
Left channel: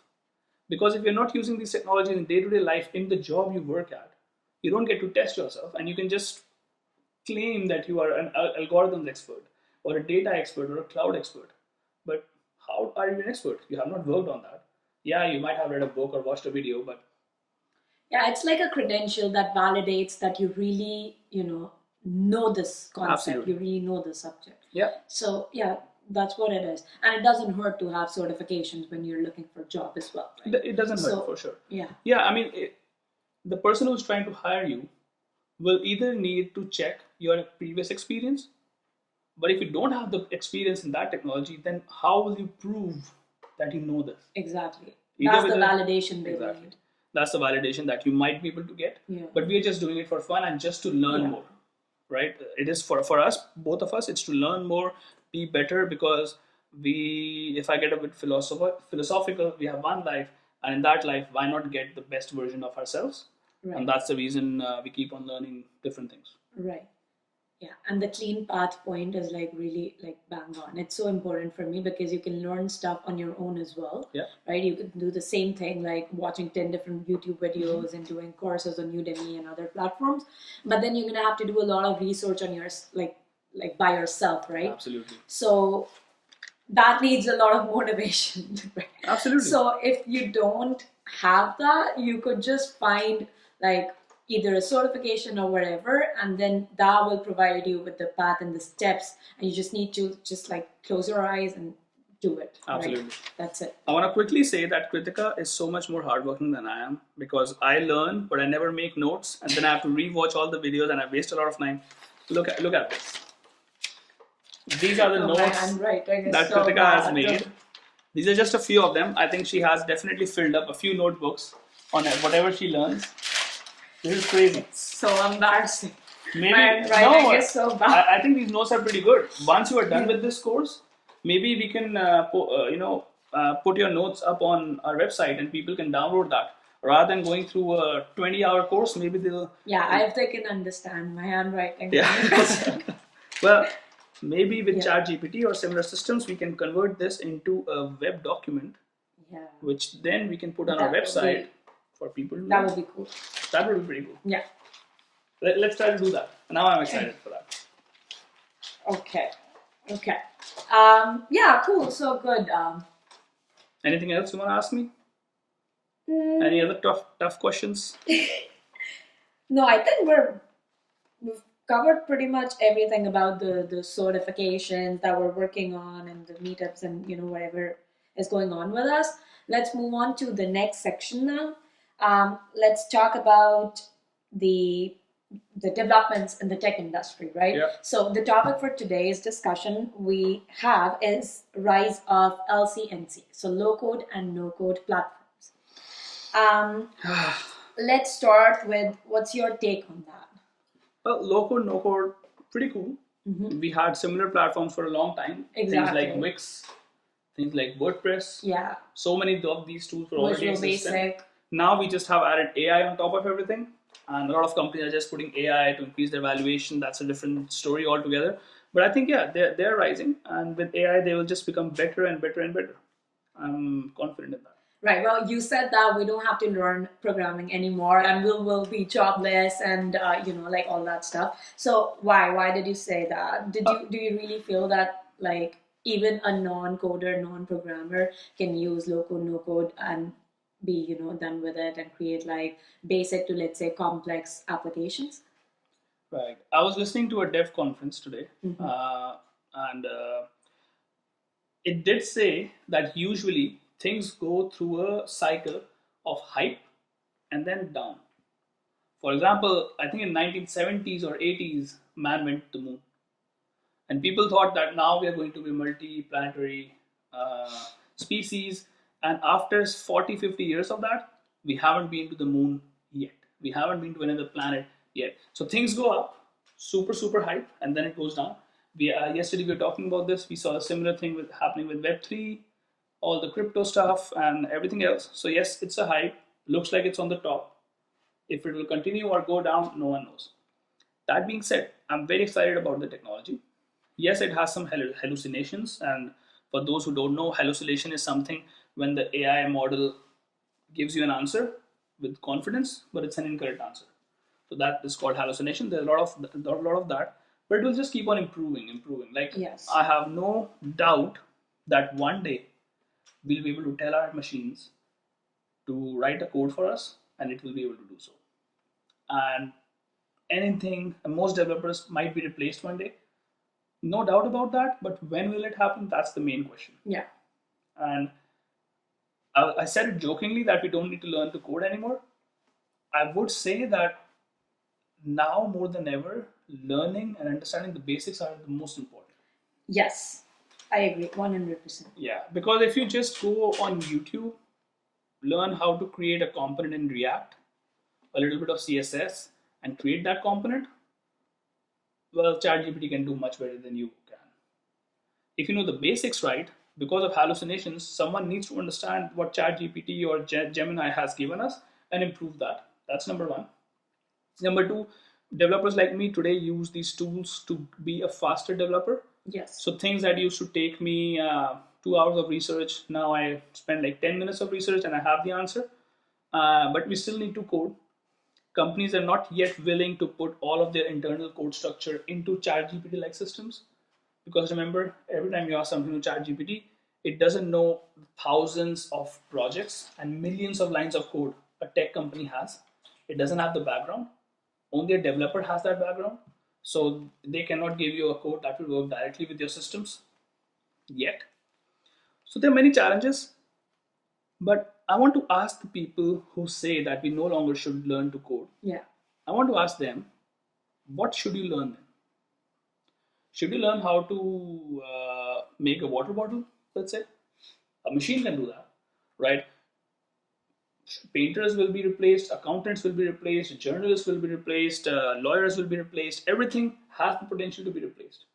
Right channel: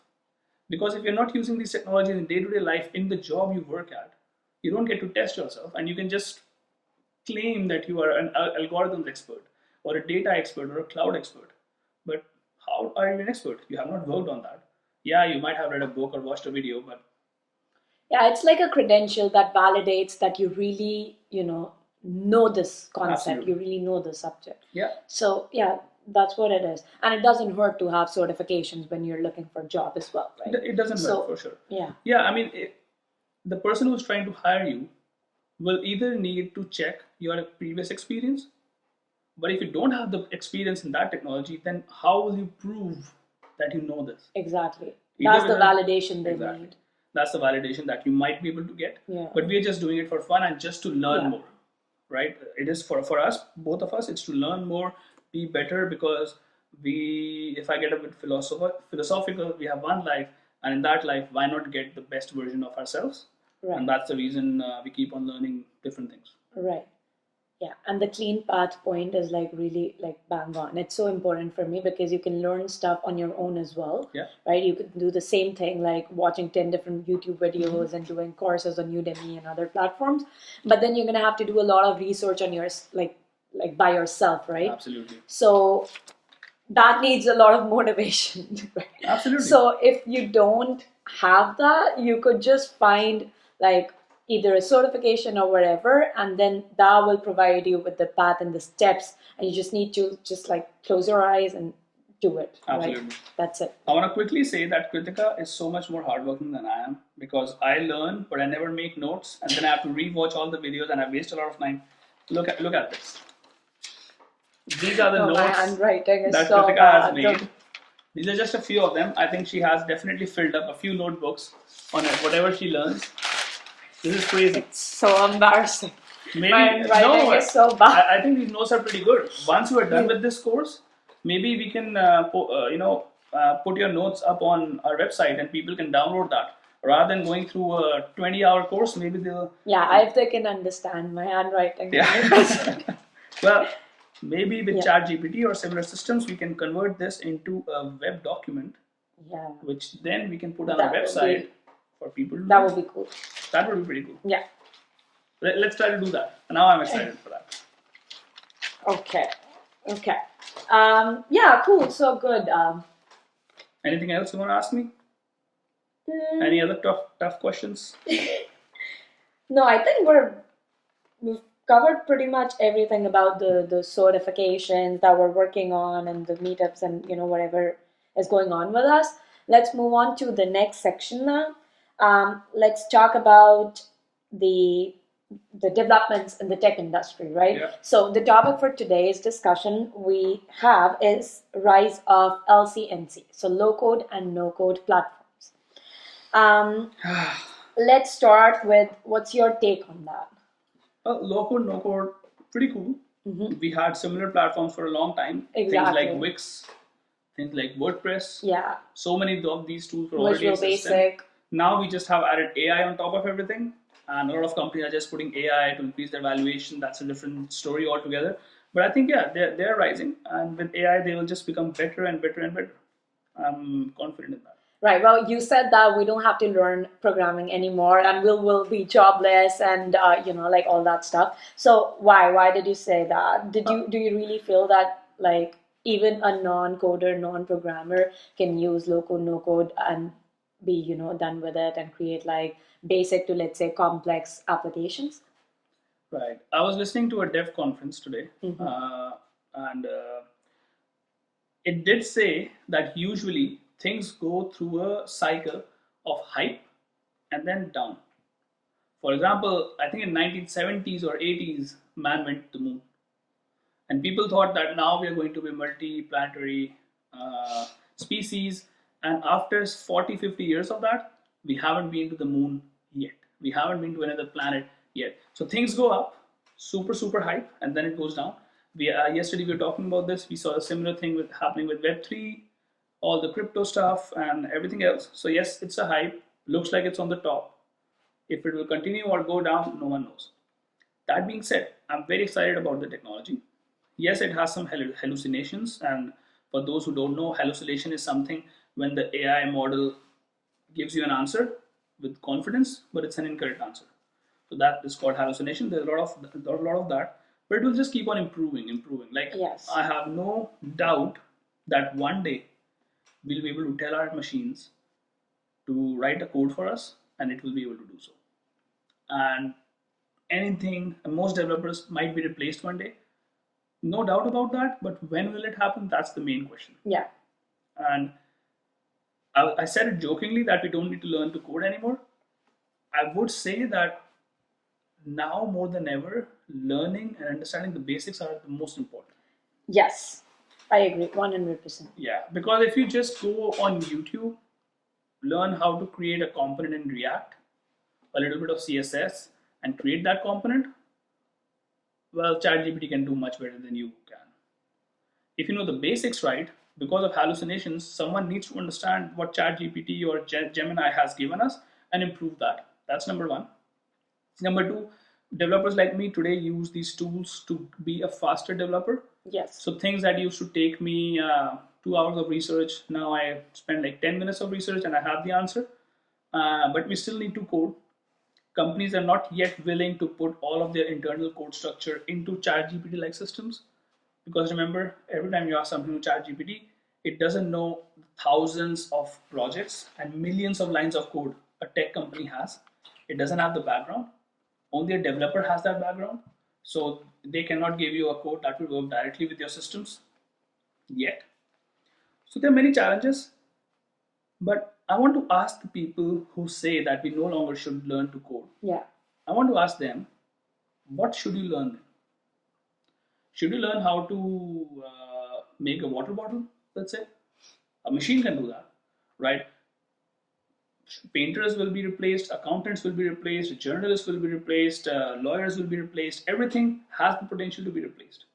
Because if you're not using these technologies in day-to-day life, in the job you work at, you don't get to test yourself, and you can just claim that you are an algorithms expert or a data expert or a cloud expert. But how are you an expert? You have not worked on that. Yeah, you might have read a book or watched a video, but yeah, it's like a credential that validates that you really, know this concept. Absolutely. You really know the subject. Yeah. So yeah, that's what it is, and it doesn't hurt to have certifications when you're looking for a job as well, right? It doesn't hurt for sure. Yeah. Yeah, I mean, the person who's trying to hire you will either need to check your previous experience, but if you don't have the experience in that technology, then how will you prove that you know this? Exactly. Either That's the validation they need. That's the validation that you might be able to get. Yeah. But we're just doing it for fun and just to learn more, right? It is for us, both of us, it's to learn more, be better, because if I get a bit philosophical, we have one life, and in that life, why not get the best version of ourselves? Right. And that's the reason we keep on learning different things. Right. Yeah, and the clean path point is like really like bang on. It's so important for me because you can learn stuff on your own as well. Yeah. Right? You can do the same thing like watching 10 different YouTube videos and doing courses on Udemy and other platforms. But then you're gonna have to do a lot of research on yours like by yourself, right? Absolutely. So that needs a lot of motivation. Right? Absolutely. So if you don't have that, you could just find like either a certification or whatever, and then that will provide you with the path and the steps, and you just need to just like close your eyes and do it. Absolutely. Right? That's it. I want to quickly say that Kritika is so much more hardworking than I am, because I learn, but I never make notes, and then I have to rewatch all the videos, and I waste a lot of time. Look at this. These are the notes that Kritika has made. These are just a few of them. I think she has definitely filled up a few notebooks on whatever she learns. This is crazy. It's so embarrassing. Maybe my handwriting is so bad. I think these notes are pretty good. Once you are done with this course, maybe we can put your notes up on our website and people can download that. Rather than going through a 20-hour course, maybe they'll... Yeah, if they can understand my handwriting. Yeah. Well, maybe with ChatGPT or similar systems, we can convert this into a web document, which then we can put on our website for people to learn. That would be cool. That would be pretty cool. Yeah. Let's try to do that. Now I'm excited for that. Okay. Yeah, cool. So good. Anything else you want to ask me? Any other tough questions? No, I think we've covered pretty much everything about the certifications that we're working on and the meetups and whatever is going on with us. Let's move on to the next section now. Let's talk about the developments in the tech industry, right? Yeah. So the topic for today's discussion we have is rise of LCNC, so low-code and no-code platforms. Let's start with what's your take on that? Well, low-code, no-code, pretty cool. Mm-hmm. We had similar platforms for a long time. Exactly. Things like Wix, things like WordPress. Yeah. So many of these tools were already Visual existent. Basic. Now we just have added AI on top of everything. And a lot of companies are just putting AI to increase their valuation. That's a different story altogether. But I think, they're rising. And with AI, they will just become better and better and better. I'm confident in that. Right. Well, you said that we don't have to learn programming anymore, and we'll be jobless, and like all that stuff. So why did you say that? Do you really feel that like even a non-coder, non-programmer can use low-code, no-code and be done with it and create like basic to, let's say, complex applications? Right. I was listening to a dev conference today, Mhm. and it did say that usually things go through a cycle of hype and then down. For example, I think in 1970s or 80s, man went to the moon, and people thought that now we are going to be multi-planetary species. And after 40, 50 years of that, we haven't been to the moon yet. We haven't been to another planet yet. So things go up, super hype, and then it goes down. We yesterday we were talking about this. We saw a similar thing happening with Web3, all the crypto stuff and everything else. So yes, it's a hype. Looks like it's on the top. If it will continue or go down, no one knows. That being said, I'm very excited about the technology. Yes, it has some hallucinations, and for those who don't know, hallucination is something when the AI model gives you an answer with confidence, but it's an incorrect answer. So that is called hallucination. There's a lot of that, but it will just keep on improving. Like Yes. I have no doubt that one day we'll be able to tell our machines to write a code for us, and it will be able to do so. And anything, most developers might be replaced one day. No doubt about that, but when will it happen? That's the main question. Yeah. And I said it jokingly that we don't need to learn to code anymore. I would say that now more than ever, learning and understanding the basics are the most important. Yes. I agree 100%. Yeah, because if you just go on YouTube, learn how to create a component in React, a little bit of CSS, and create that component, well, ChatGPT can do much better than you can. If you know the basics right, because of hallucinations, someone needs to understand what ChatGPT or Gemini has given us and improve that. That's number one. Number two, developers like me today use these tools to be a faster developer. Yes. So things that used to take me 2 hours of research, now I spend like 10 minutes of research and I have the answer. But we still need to code. Companies are not yet willing to put all of their internal code structure into ChatGPT like systems. Because remember, every time you ask something to ChatGPT, it doesn't know thousands of projects and millions of lines of code a tech company has. It doesn't have the background. Only a developer has that background. So they cannot give you a code that will work directly with your systems yet. So there are many challenges, but I want to ask the people who say that we no longer should learn to code. Yeah. I want to ask them, what should you learn then? Should you learn how to make a water bottle, let's say? A machine can do that, right? Painters will be replaced, accountants will be replaced, journalists will be replaced, lawyers will be replaced. Everything has the potential to be replaced,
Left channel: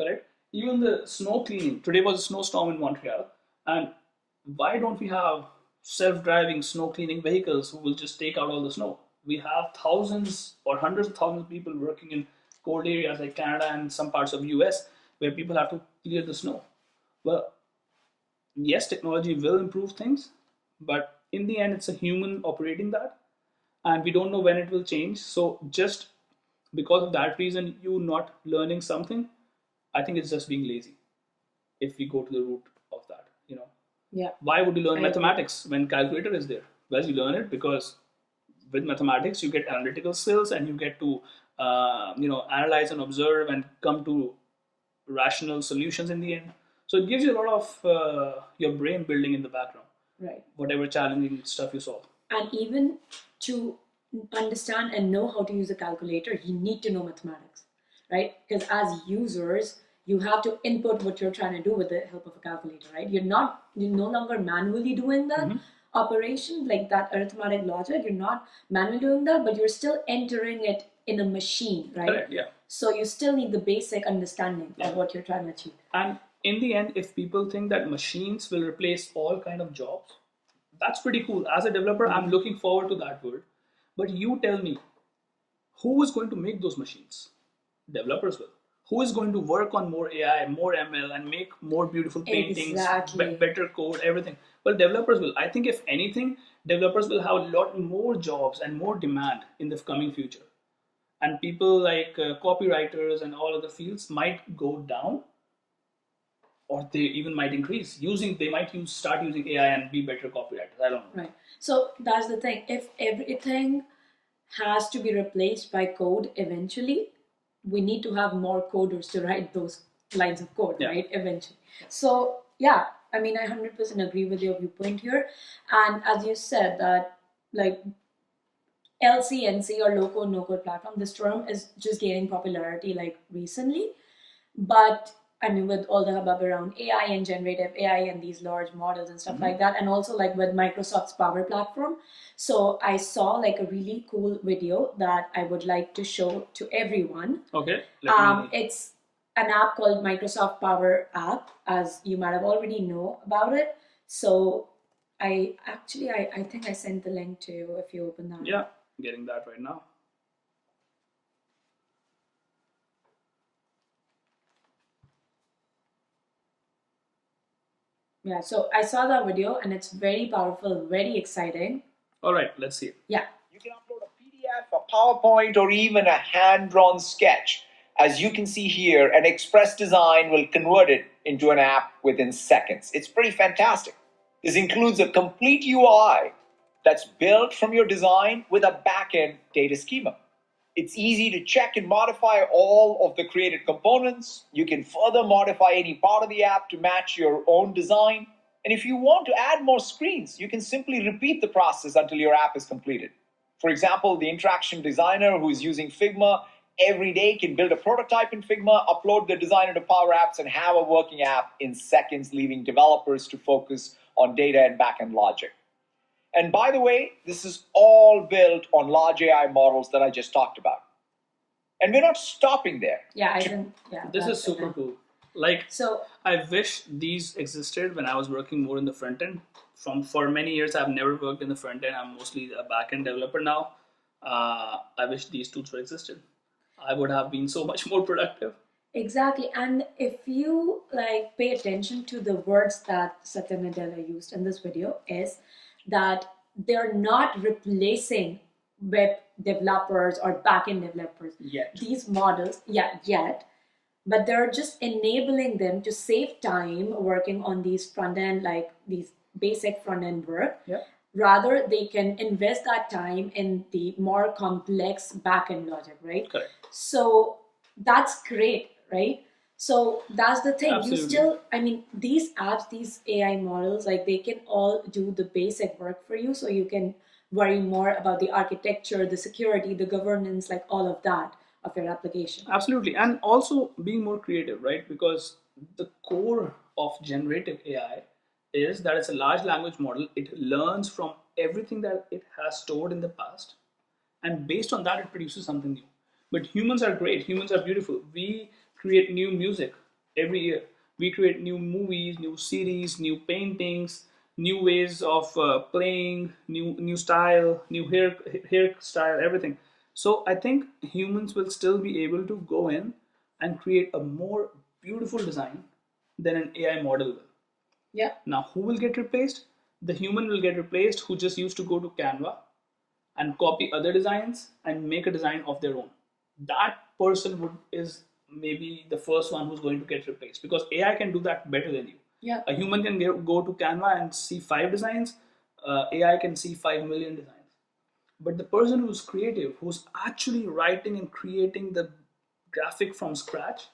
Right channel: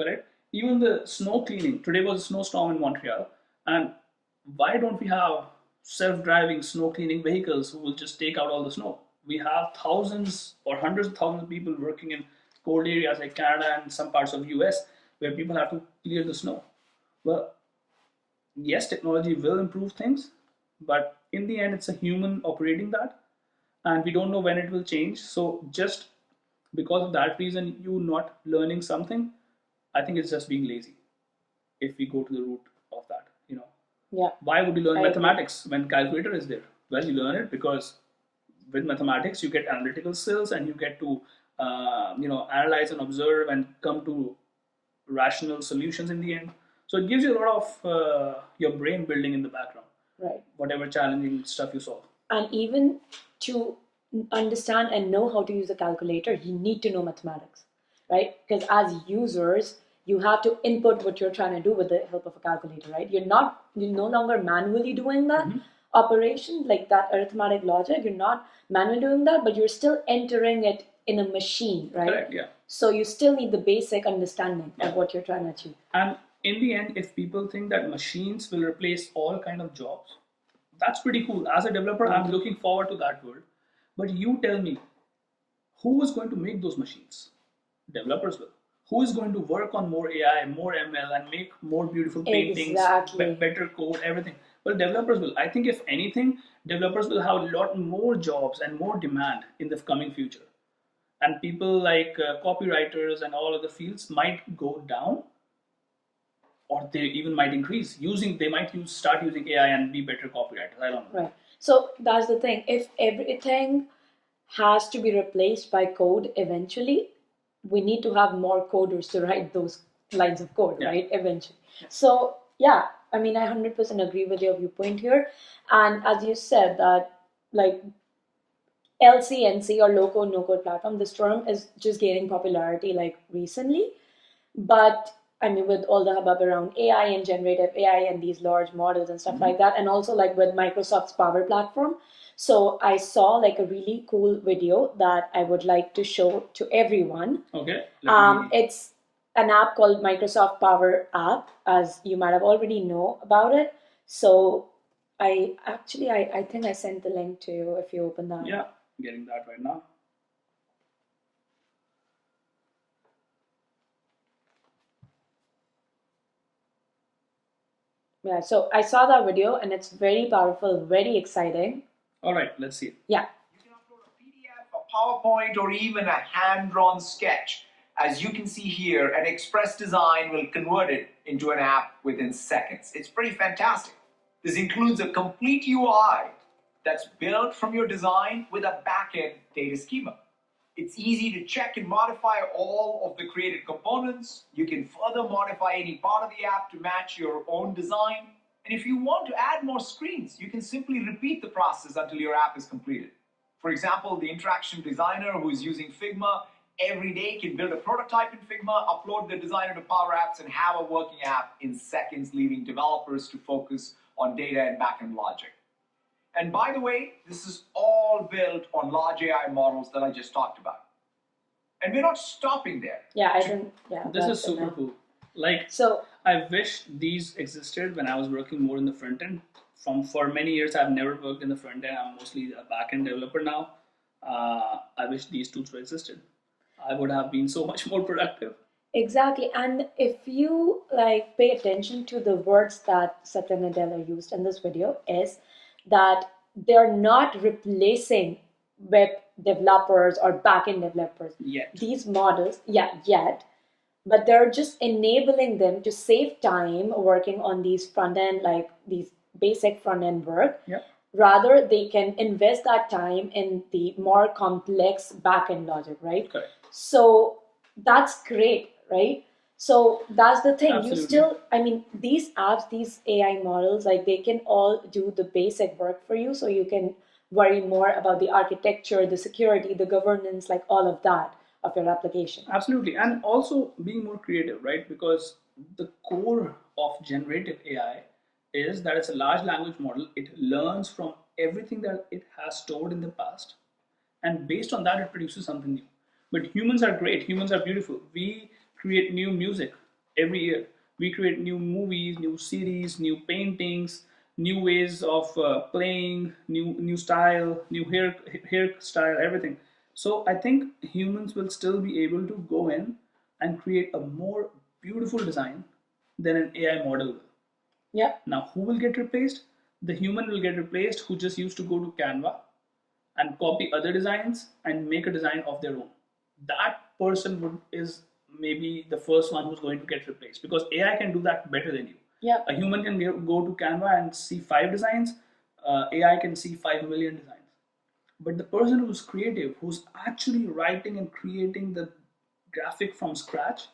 correct? Even the snow cleaning. Today was a snowstorm in Montreal, and why don't we have self-driving snow cleaning vehicles who will just take out all the snow? We have thousands or hundreds of thousands of people working in cold areas like Canada and some parts of US where people have to clear the snow. Well, yes, technology will improve things, but in the end, it's a human operating that, and we don't know when it will change. So, just because of that reason, you not learning something, I think it's just being lazy. If we go to the root of that, Yeah. why would you learn I agree. mathematics when calculator is there? Well, you learn it because with mathematics you get analytical skills and you get to analyze and observe and come to rational solutions in the end. So it gives you a lot of your brain building in the background, Right. whatever challenging stuff you solve. And even to understand and know how to use a calculator, you need to know mathematics, right? Because as users, you have to input what you're trying to do with the help of a calculator, right? You're no longer manually doing that operation, like that arithmetic logic. You're not manually doing that, but you're still entering it in a machine, right? Correct, yeah. So you still need the basic understanding of what you're trying to achieve. And in the end, if people think that machines will replace all kind of jobs, that's pretty cool. As a developer, I'm looking forward to that world. But you tell me, who is going to make those machines? Developers will. Who is going to work on more AI, more ML, and make more beautiful paintings, Exactly. better code, everything? Well, developers will. I think if anything, developers will have a lot more jobs and more demand in the coming future. And people like copywriters and all other fields might go down, or they even might increase. They might start using AI and be better copywriters. I don't know. Right. So that's the thing. If everything has to be replaced by code eventually, we need to have more coders to write those lines of code, Yeah. right? Eventually. So yeah, I mean, I 100% agree with your viewpoint here. And as you said that, like, LCNC or low code no code platform, this term is just gaining popularity like recently. But I mean, with all the hubbub around AI and generative AI and these large models and stuff like that, and also like with Microsoft's Power Platform. So I saw like a really cool video that I would like to show to everyone. Okay. It's an app called Microsoft Power App, as you might have already know about it. So I think I sent the link to you if you open that. Yeah, getting that right now. Yeah, so I saw that video and it's very powerful, very exciting. All right, let's see it. Yeah. You can upload a PDF, a PowerPoint, or even a hand-drawn sketch. As you can see here, an Express Design will convert it into an app within seconds. It's pretty fantastic. This includes a complete UI that's built from your design with a backend data schema. It's easy to check and modify all of the created components. You can further modify any part of the app to match your own design. And if you want to add more screens, you can simply repeat the process until your app is completed. For example, the interaction designer who is using Figma every day can build a prototype in Figma, upload the designer to Power Apps, and have a working app in seconds, leaving developers to focus on data and backend logic. And by the way, this is all built on large AI models that I just talked about. And we're not stopping there. Yeah, I think, yeah. This is super cool. Like, So I wish these existed when I was working more in the front end. For many years, I've never worked in the front end. I'm mostly a back end developer now. I wish these tools were existed. I would have been so much more productive. exactly, and if you like pay attention to the words that Satya Nadella used in this video, is that they're not replacing web developers or backend developers. Yet. These models, yeah, yet, but they're just enabling them to save time working on these front end, like these basic front end work. Yep. Rather, they can invest that time in the more complex back end logic, right? Correct. So that's great, right? So that's the thing. Absolutely. You still, I mean, these apps, these AI models, like they can all do the basic work for you. So you can worry more about the architecture, the security, the governance, like all of that of your application. Absolutely. And also being more creative, right? Because the core of generative AI is that it's a large language model. It learns from everything that it has stored in the past. And based on that, it produces something new. But humans are great. Humans are beautiful. We create new music every year. We create new movies, new series, new paintings, new ways of playing, new style, new hairstyle, everything. So I think humans will still be able to go in and create a more beautiful design than an AI model will. Yeah. Now, who will get replaced? The human will get replaced who just used to go to Canva and copy other designs and make a design of their own. That person is maybe the first one who's going to get replaced, because AI can do that better than you. Yeah. A human can go to Canva and see 5 designs. AI can see 5 million designs. But the person who's creative, who's actually writing and creating the graphic from scratch,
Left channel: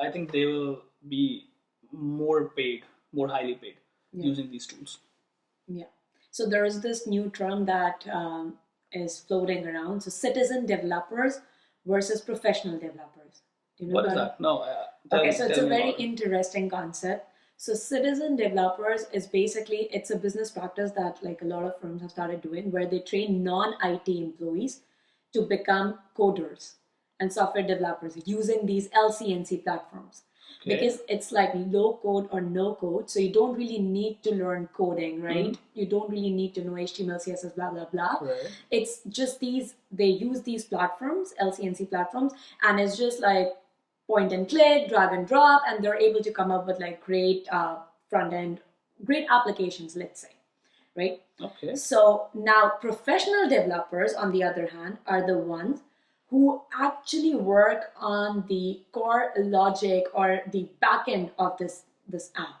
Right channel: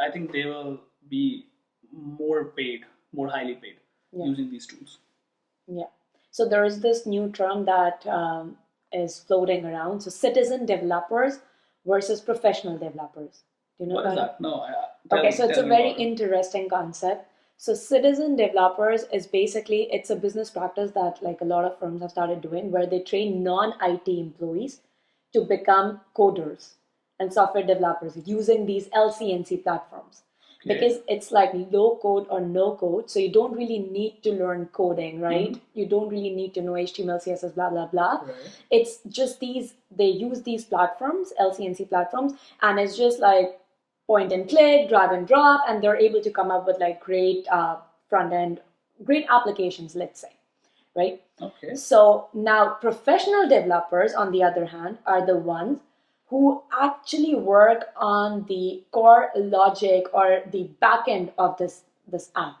I think they will be more paid, more highly paid, using these tools. Yeah. So there is this new term that is floating around. So citizen developers versus professional developers. Do you know What is about that? No. Okay, so it's a very about it. interesting concept. So citizen developers is basically, it's a business practice that like a lot of firms have started doing, where they train non-IT employees to become coders and software developers using these LCNC platforms. Okay. Because it's like low code or no code, so you don't really need to learn coding, right? You don't really need to know HTML, CSS, blah blah blah. Right. It's just they use these platforms, LCNC platforms, and it's just like point and click, drag and drop, and they're able to come up with like great front end, great applications, let's say, right? Okay. So now professional developers, on the other hand, are the ones who actually work on the core logic or the back end of this app,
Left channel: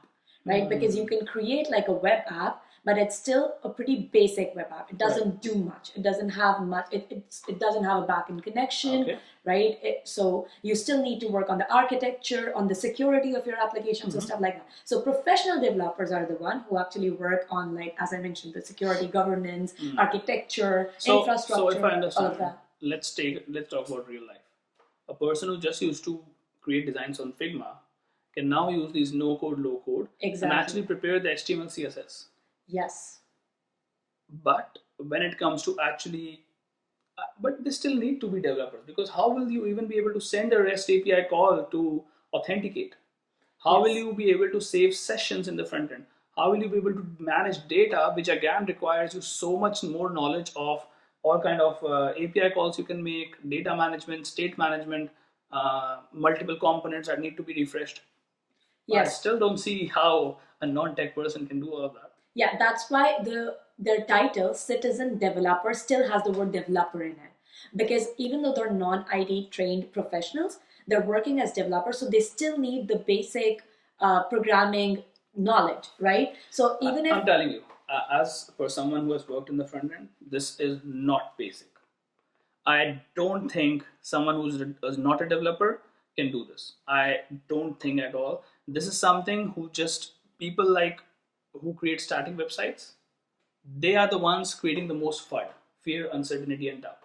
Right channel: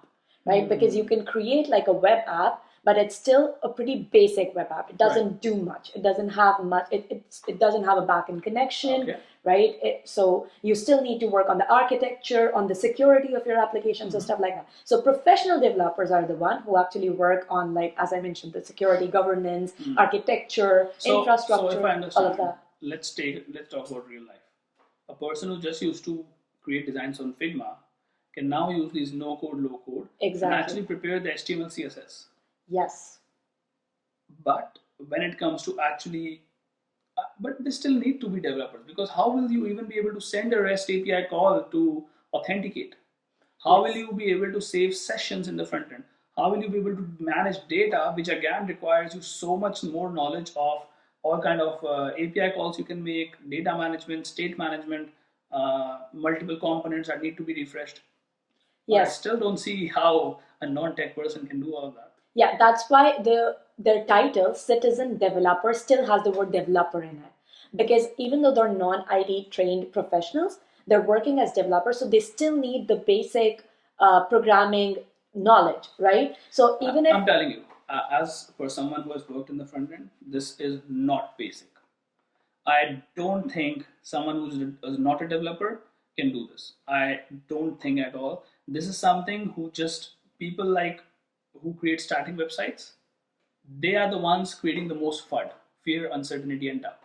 right? Because you can create like a web app, but it's still a pretty basic web app. It doesn't do much. It doesn't have much. It doesn't have a backend connection, Okay. right? So you still need to work on the architecture, on the security of your application, so stuff like that. So professional developers are the one who actually work on, like, as I mentioned, the security, governance, architecture, infrastructure, So if I all understand, of that. let's talk about real life. A person who just used to create designs on Figma can now use these no code, low code Exactly. and actually prepare the HTML, CSS. Yes. But when it comes to actually, but they still need to be developers, because how will you even be able to send a REST API call to authenticate? How will you be able to save sessions in the front end? How will you be able to manage data, which again requires you so much more knowledge of all kind of API calls you can make, data management, state management, multiple components that need to be refreshed. Yes. I still don't see how a non-tech person can do all of that. Yeah, that's why their title, citizen developer, still has the word developer in it. Because even though they're non-IT trained professionals, they're working as developers, so they still need the basic programming knowledge, right? So even if I'm telling you, as for someone who has worked in the front end, this is not basic. I don't think someone who's not a developer can do this. I don't think at all. This is something who just people like who create static websites. They are the ones creating the most FUD, fear, uncertainty, and doubt.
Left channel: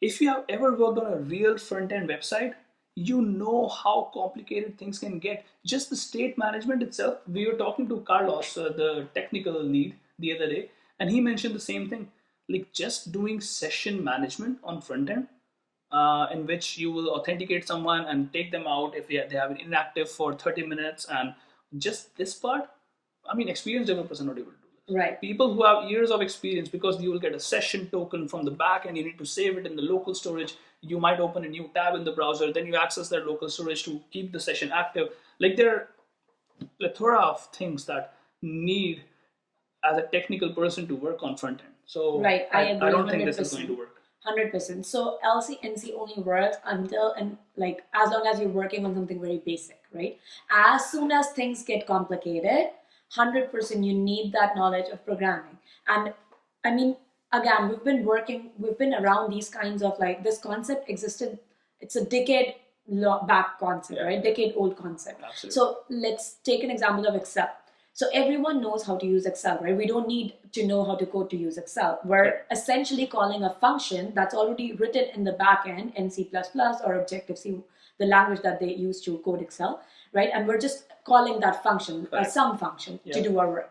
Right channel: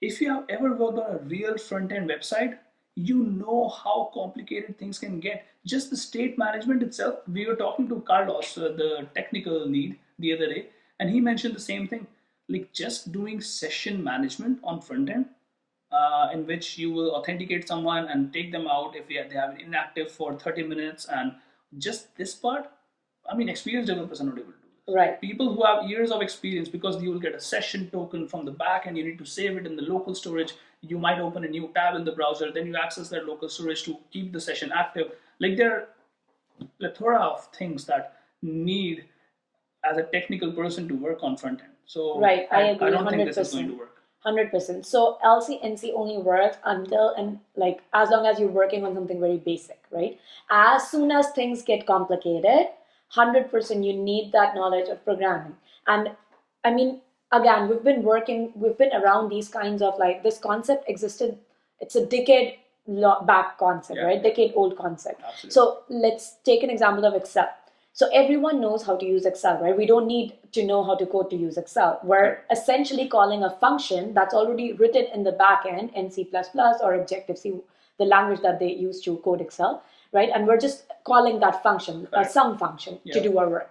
If you have ever worked on a real front end website, you know how complicated things can get. Just the state management itself. We were talking to Carlos, the technical lead, the other day, and he mentioned the same thing. Like just doing session management on front end, in which you will authenticate someone and take them out if they have it inactive for 30 minutes, and just this part. I mean, experienced developers are not able to do this. right, People who have years of experience, because you will get a session token from the back and you need to save it in the local storage. You might open a new tab in the browser, then you access that local storage to keep the session active. Like there are a plethora of things that need as a technical person to work on front end. So right, I agree. I don't think this is going to work. 100%. So LCNC only works until, and like, as long as you're working on something very basic, right? As soon as things get complicated, 100% you need that knowledge of programming. And I mean, again, we've been around these kinds of, like, this concept existed. It's a decade back concept, Yeah. right? Decade old concept. Absolutely. So let's take an example of Excel. So everyone knows how to use Excel, right? We don't need to know how to code to use Excel. We're essentially calling a function that's already written in the back end in C++ or Objective-C, the language that they use to code Excel, right? And we're just calling that function, some function, to do our work.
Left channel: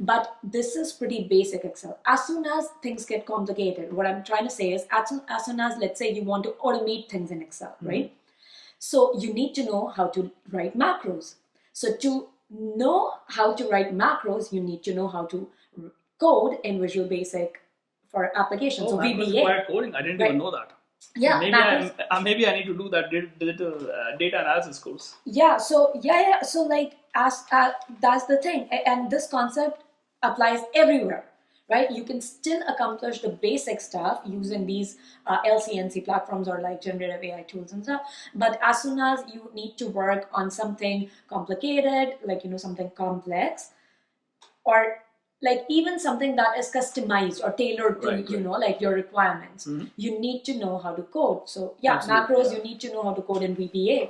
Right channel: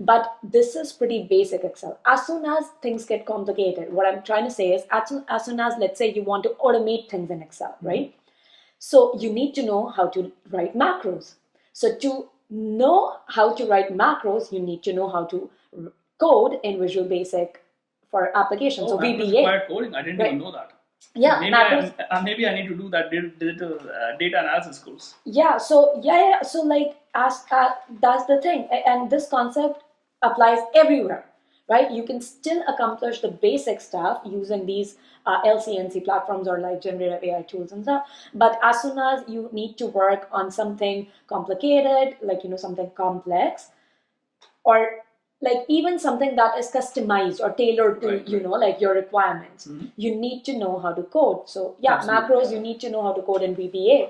But this is pretty basic Excel. As soon as things get complicated, what I'm trying to say is, as soon as, let's say, you want to automate things in Excel, right? So you need to know how to write macros. So to know how to write macros, you need to know how to code in Visual Basic for applications. So macros VBA. required coding. I didn't even know that. Yeah, maybe macros. Maybe I need to do that digital data analysis course. Yeah. So So like, that's the thing, and this concept applies everywhere, right? You can still accomplish the basic stuff using these LCNC platforms or like generative AI tools and stuff. But as soon as you need to work on something complicated, like, something complex, or like even something that is customized or tailored to, like your requirements, you need to know how to code. So macros, you need to know how to code in VBA.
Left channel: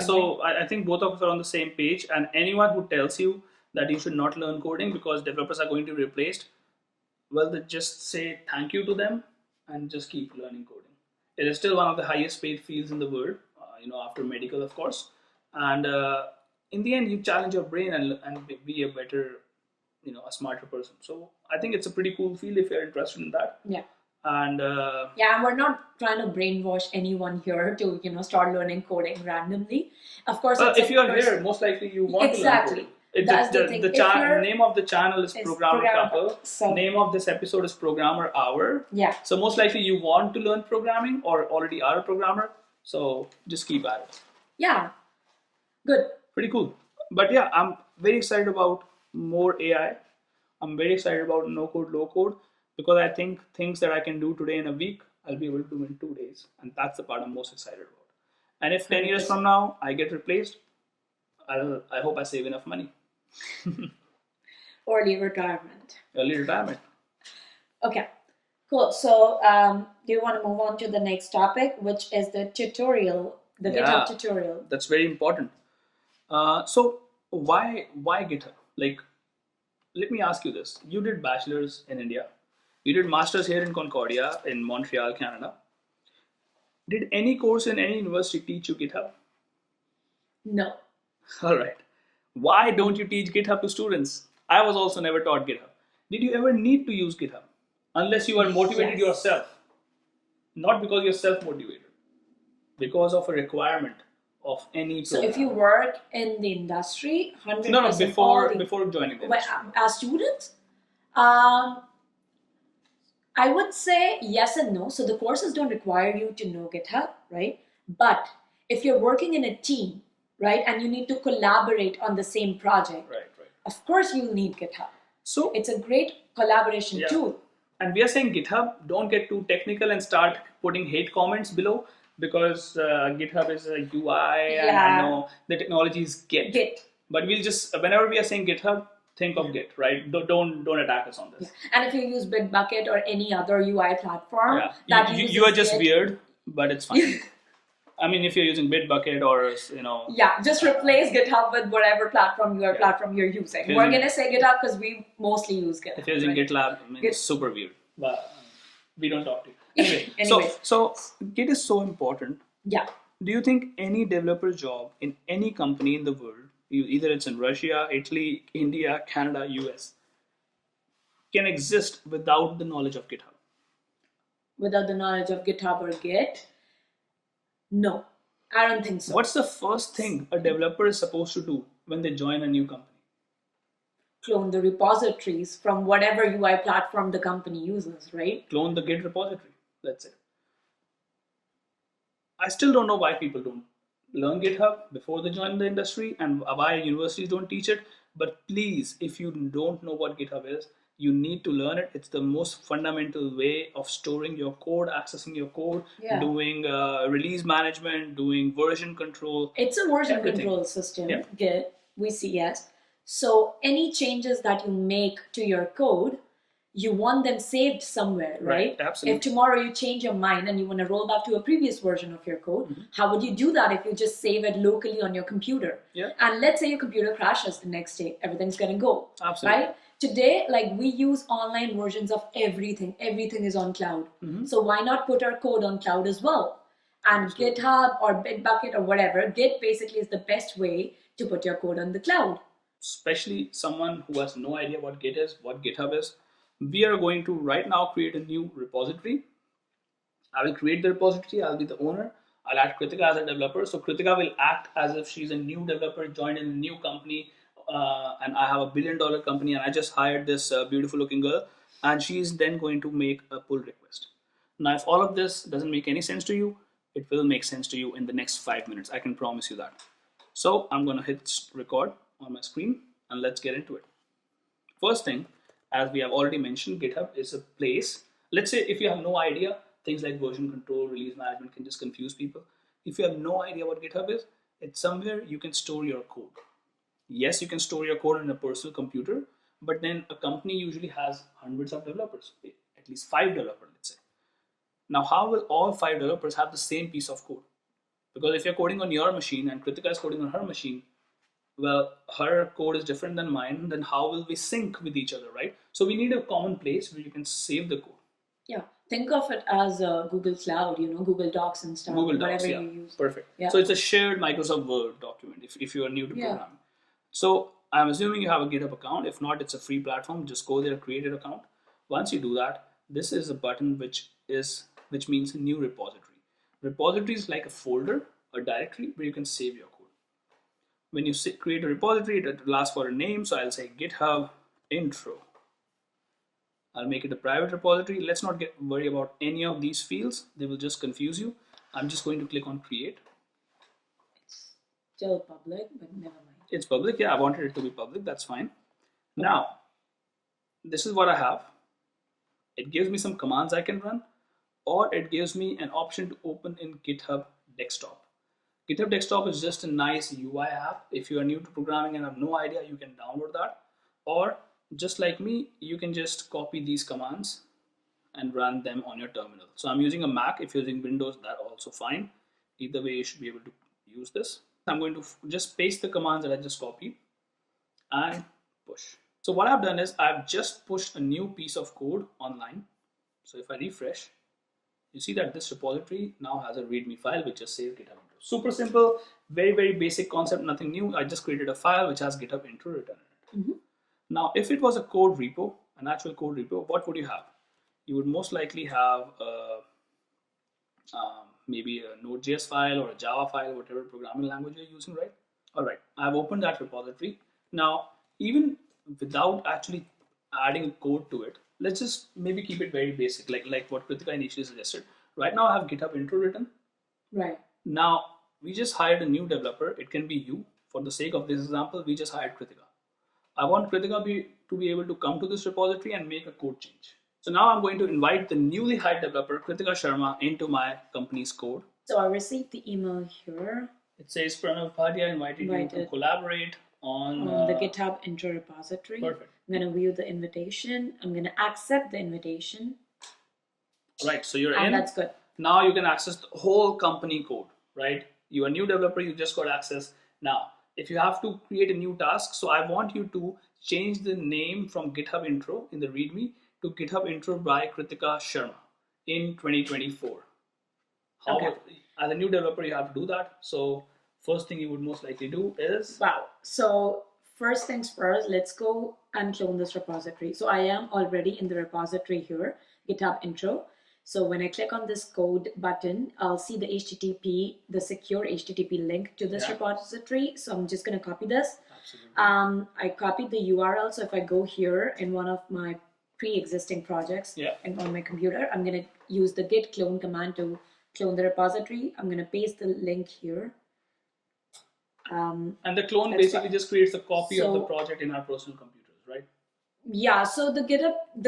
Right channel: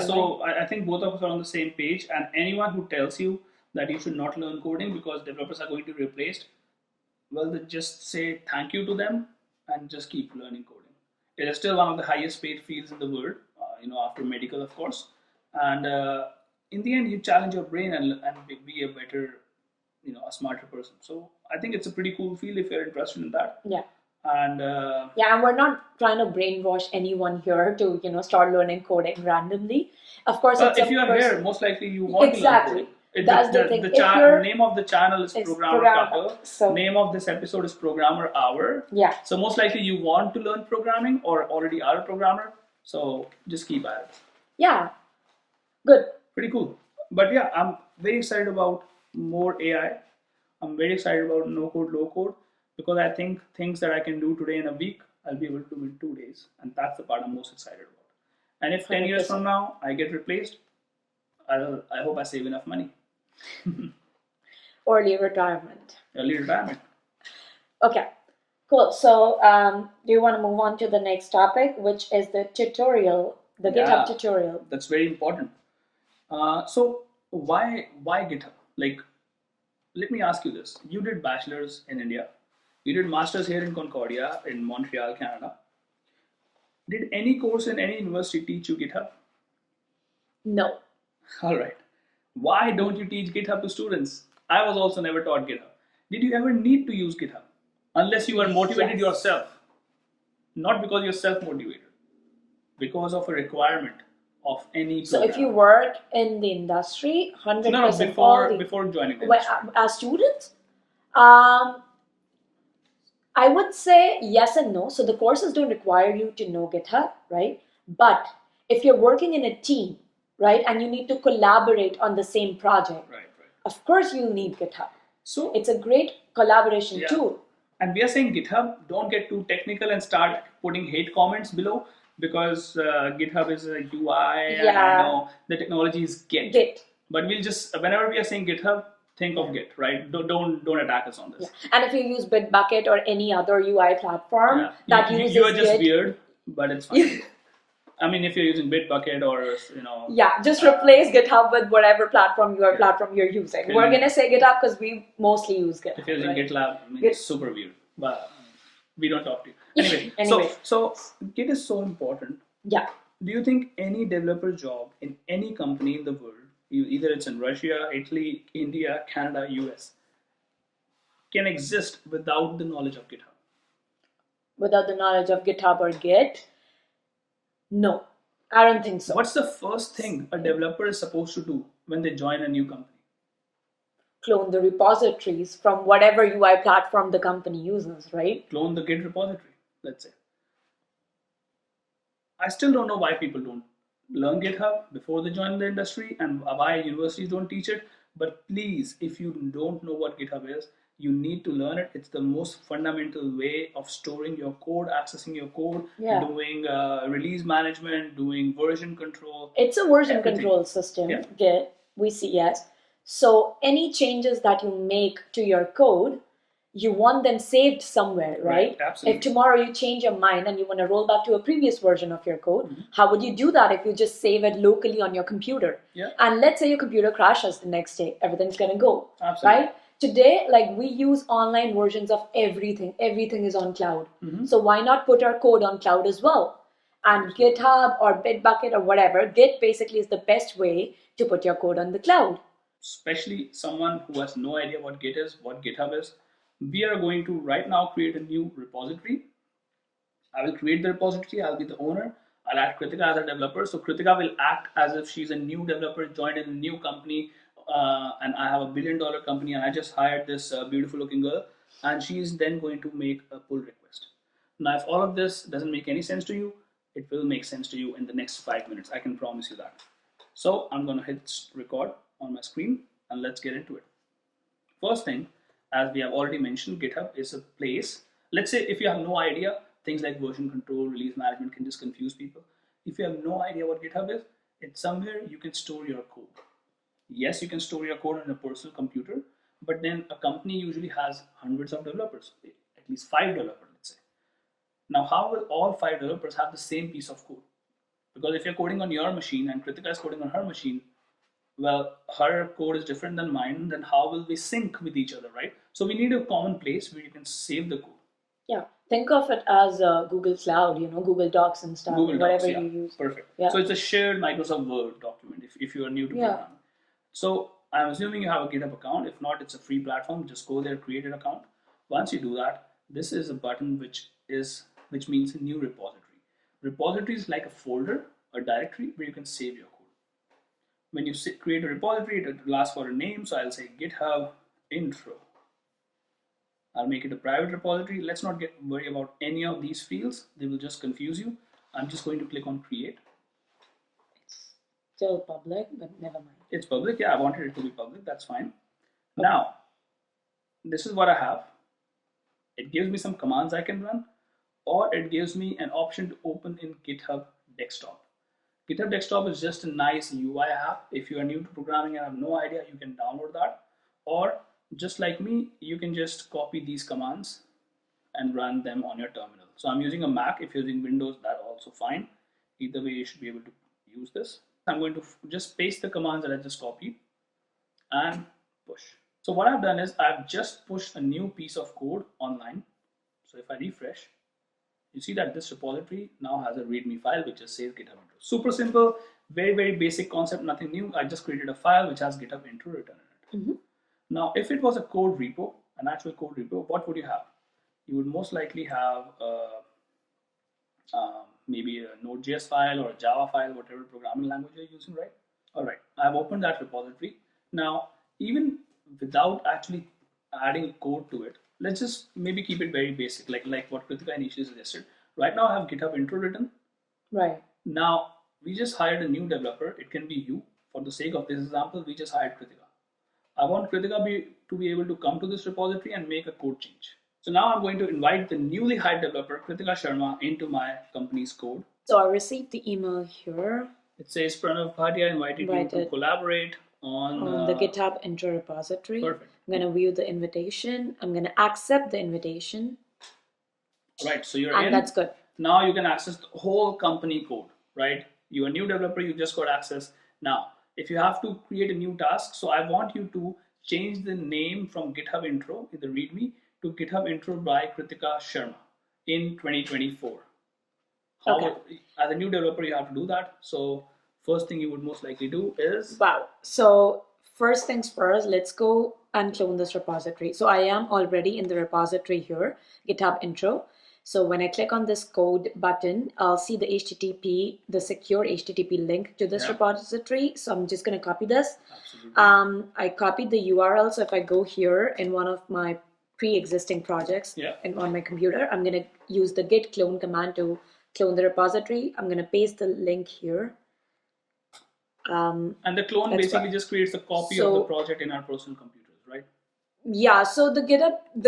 So I think both of us are on the same page, and anyone who tells you that you should not learn coding because developers are going to be replaced, well, then just say thank you to them and just keep learning coding. It is still one of the highest paid fields in the world, after medical, of course. And in the end, you challenge your brain and be a better, a smarter person. So I think it's a pretty cool field if you're interested in that. Yeah. And and we're not trying to brainwash anyone here to start learning coding randomly. Of course, if you are here, most likely you want to learn coding. That's the thing. Name of the channel is Programmer Couple. So, name of this episode is Programmer Hour. Yeah. So most likely you want to learn programming or already are a programmer. So just keep at it. Yeah. Good. Pretty cool. But yeah, I'm very excited about more AI. I'm very excited about no code, low code, because I think things that I can do today in a week, I'll be able to do in 2 days. And that's the part I'm most excited about. And if 10 years from now I get replaced, I hope I save enough money. Early retirement. Early retirement. Okay, cool. So, do you want to move on to the next topic, which is the tutorial, the GitHub tutorial? That's very important. So why GitHub? Like, let me ask you this: you did bachelor's in India, you did masters here in Concordia in Montreal, Canada. Did any course in any university teach you GitHub? No. All right. Why don't you teach GitHub to students? I was also never taught GitHub. Did you ever need to use GitHub? Unless you were motivated Yes. yourself. Not because you're self-motivated. Because of a requirement of any So, program. if you work in the industry, 100% No, all the, before joining the well, industry. as students, I would say yes and no. So the courses don't require you to know GitHub, right? But if you're working in a team, right, and you need to collaborate on the same project, Right. of course you'll need GitHub. So It's a great collaboration tool. And we are saying GitHub, don't get too technical and start putting hate comments below, because GitHub is a UI and I know the technology is Git. But we'll just, whenever we are saying GitHub, think of Git, right? Don't attack us on this. And if you use Bitbucket or any other UI platform that uses you are just Git, weird, but it's fine. I mean, if you're using Bitbucket or just replace GitHub with whatever platform you're using. If We're you're gonna say GitHub because we mostly use GitHub. if you're using right? GitLab, I mean, it's super weird. But we don't talk to you. Anyway, so Git is so important. Yeah. Do you think any developer job in any company in the world, either it's in Russia, Italy, India, Canada, US, can exist without the knowledge of GitHub? Without the knowledge of GitHub or Git? No, I don't think so. What's the first thing a developer is supposed to do when they join a new company? Clone the repositories from whatever UI platform the company uses, right? Clone the Git repository, let's say. I still don't know why people don't learn GitHub before they join the industry and why universities don't teach it. But please, if you don't know what GitHub is, you need to learn it. It's the most fundamental way of storing your code, accessing your code, doing release management, doing version control. It's a version control system, Git, we see, yes. So any changes that you make to your code, you want them saved somewhere, right? Absolutely. If tomorrow you change your mind and you want to roll back to a previous version of your code, how would you do that if you just save it locally on your computer? And let's say your computer crashes the next day, everything's going to go, right? Today, like, we use online versions of everything. Everything is on cloud. So why not put our code on cloud as well? And GitHub or Bitbucket or whatever, Git basically is the best way to put your code on the cloud. Especially someone who has no idea what Git is, what GitHub is. We are going to right now create a new repository. I will create the repository. I'll be the owner. I'll add Kritika as a developer. So Kritika will act as if she's a new developer, joined in a new company, and I have $1 billion company, and I just hired this beautiful looking girl, and she's then going to make a pull request. Now, if all of this doesn't make any sense to you, it will make sense to you in the next 5 minutes. I can promise you that. So I'm going to hit record on my screen, and let's get into it. First thing, as we have already mentioned, GitHub is a place. Let's say if you have no idea, things like version control, release management can just confuse people. If you have no idea what GitHub is, it's somewhere you can store your code. Yes, you can store your code on a personal computer, but then a company usually has hundreds of developers, at least 5 developers, let's say. Now, how will all 5 developers have the same piece of code? Because if you're coding on your machine and Kritika is coding on her machine, well, her code is different than mine, then how will we sync with each other, right? So we need a common place where you can save the code. Yeah, think of it as Google Cloud, Google Docs and stuff, Google Docs, whatever you use. Perfect. So it's a shared Microsoft Word document if you are new to programming. So I'm assuming you have a GitHub account. If not, it's a free platform. Just go there, create an account. Once you do that, this is a button which means new repository. Repository is like a folder, a directory where you can save your code. When you create a repository, it will ask for a name. So I'll say GitHub intro. I'll make it a private repository. Let's not worry about any of these fields. They will just confuse you. I'm just going to click on create. It's still public, but never mind. It's public. Yeah, I wanted it to be public. That's fine. Now, this is what I have. It gives me some commands I can run, or it gives me an option to open in GitHub Desktop. GitHub Desktop is just a nice UI app. If you are new to programming and have no idea, you can download that. Or just like me, you can just copy these commands and run them on your terminal. So I'm using a Mac. If you're using Windows, that's also fine. Either way, you should be able to use this. I'm going to just paste the commands that I just copied and push. So what I've done is I've just pushed a new piece of code online. So if I refresh, you see that this repository now has a README file which is saved GitHub intro. Super simple, very basic concept, nothing new. I just created a file which has GitHub intro written in it. Now, if it was a code repo, an actual code repo, what would you have? You would most likely have maybe a Node.js file or a Java file, whatever programming language you're using, right? All right, I've opened that repository. Now, even without actually adding code to it, let's just maybe keep it very basic, like what Kritika initially suggested. Right now, I have GitHub intro written. Right. Now, we just hired a new developer. It can be you. For the sake of this example, we just hired Kritika. I want Kritika to be able to come to this repository and make a code change. So now I'm going to invite the newly hired developer, Kritika Sharma, into my company's code. So I received the email here. It says Pranav Bhatia invited you to collaborate on the GitHub intro repository. Perfect. I'm going to view the invitation. I'm going to accept the invitation. Right, so you're and in. That's good. Now you can access the whole company code, right? You're a new developer, you just got access. Now, if you have to create a new task, so I want you to change the name from GitHub intro in the README to GitHub intro by Kritika Sharma in 2024. Okay. As a new developer, you have to do that. So first thing you would most likely do is... Wow. So first things first, let's go and clone this repository. So I am already in the repository here, GitHub intro. So when I click on this code button, I'll see the HTTP, the secure HTTP link to this repository. So I'm just going to copy this. Absolutely. I copied the URL. So if I go here in one of my pre-existing projects on my computer, I'm going to use the git clone command to clone the repository. I'm going to paste the link here. And the clone basically just creates a copy of the project in our personal computers, right? Yeah, so the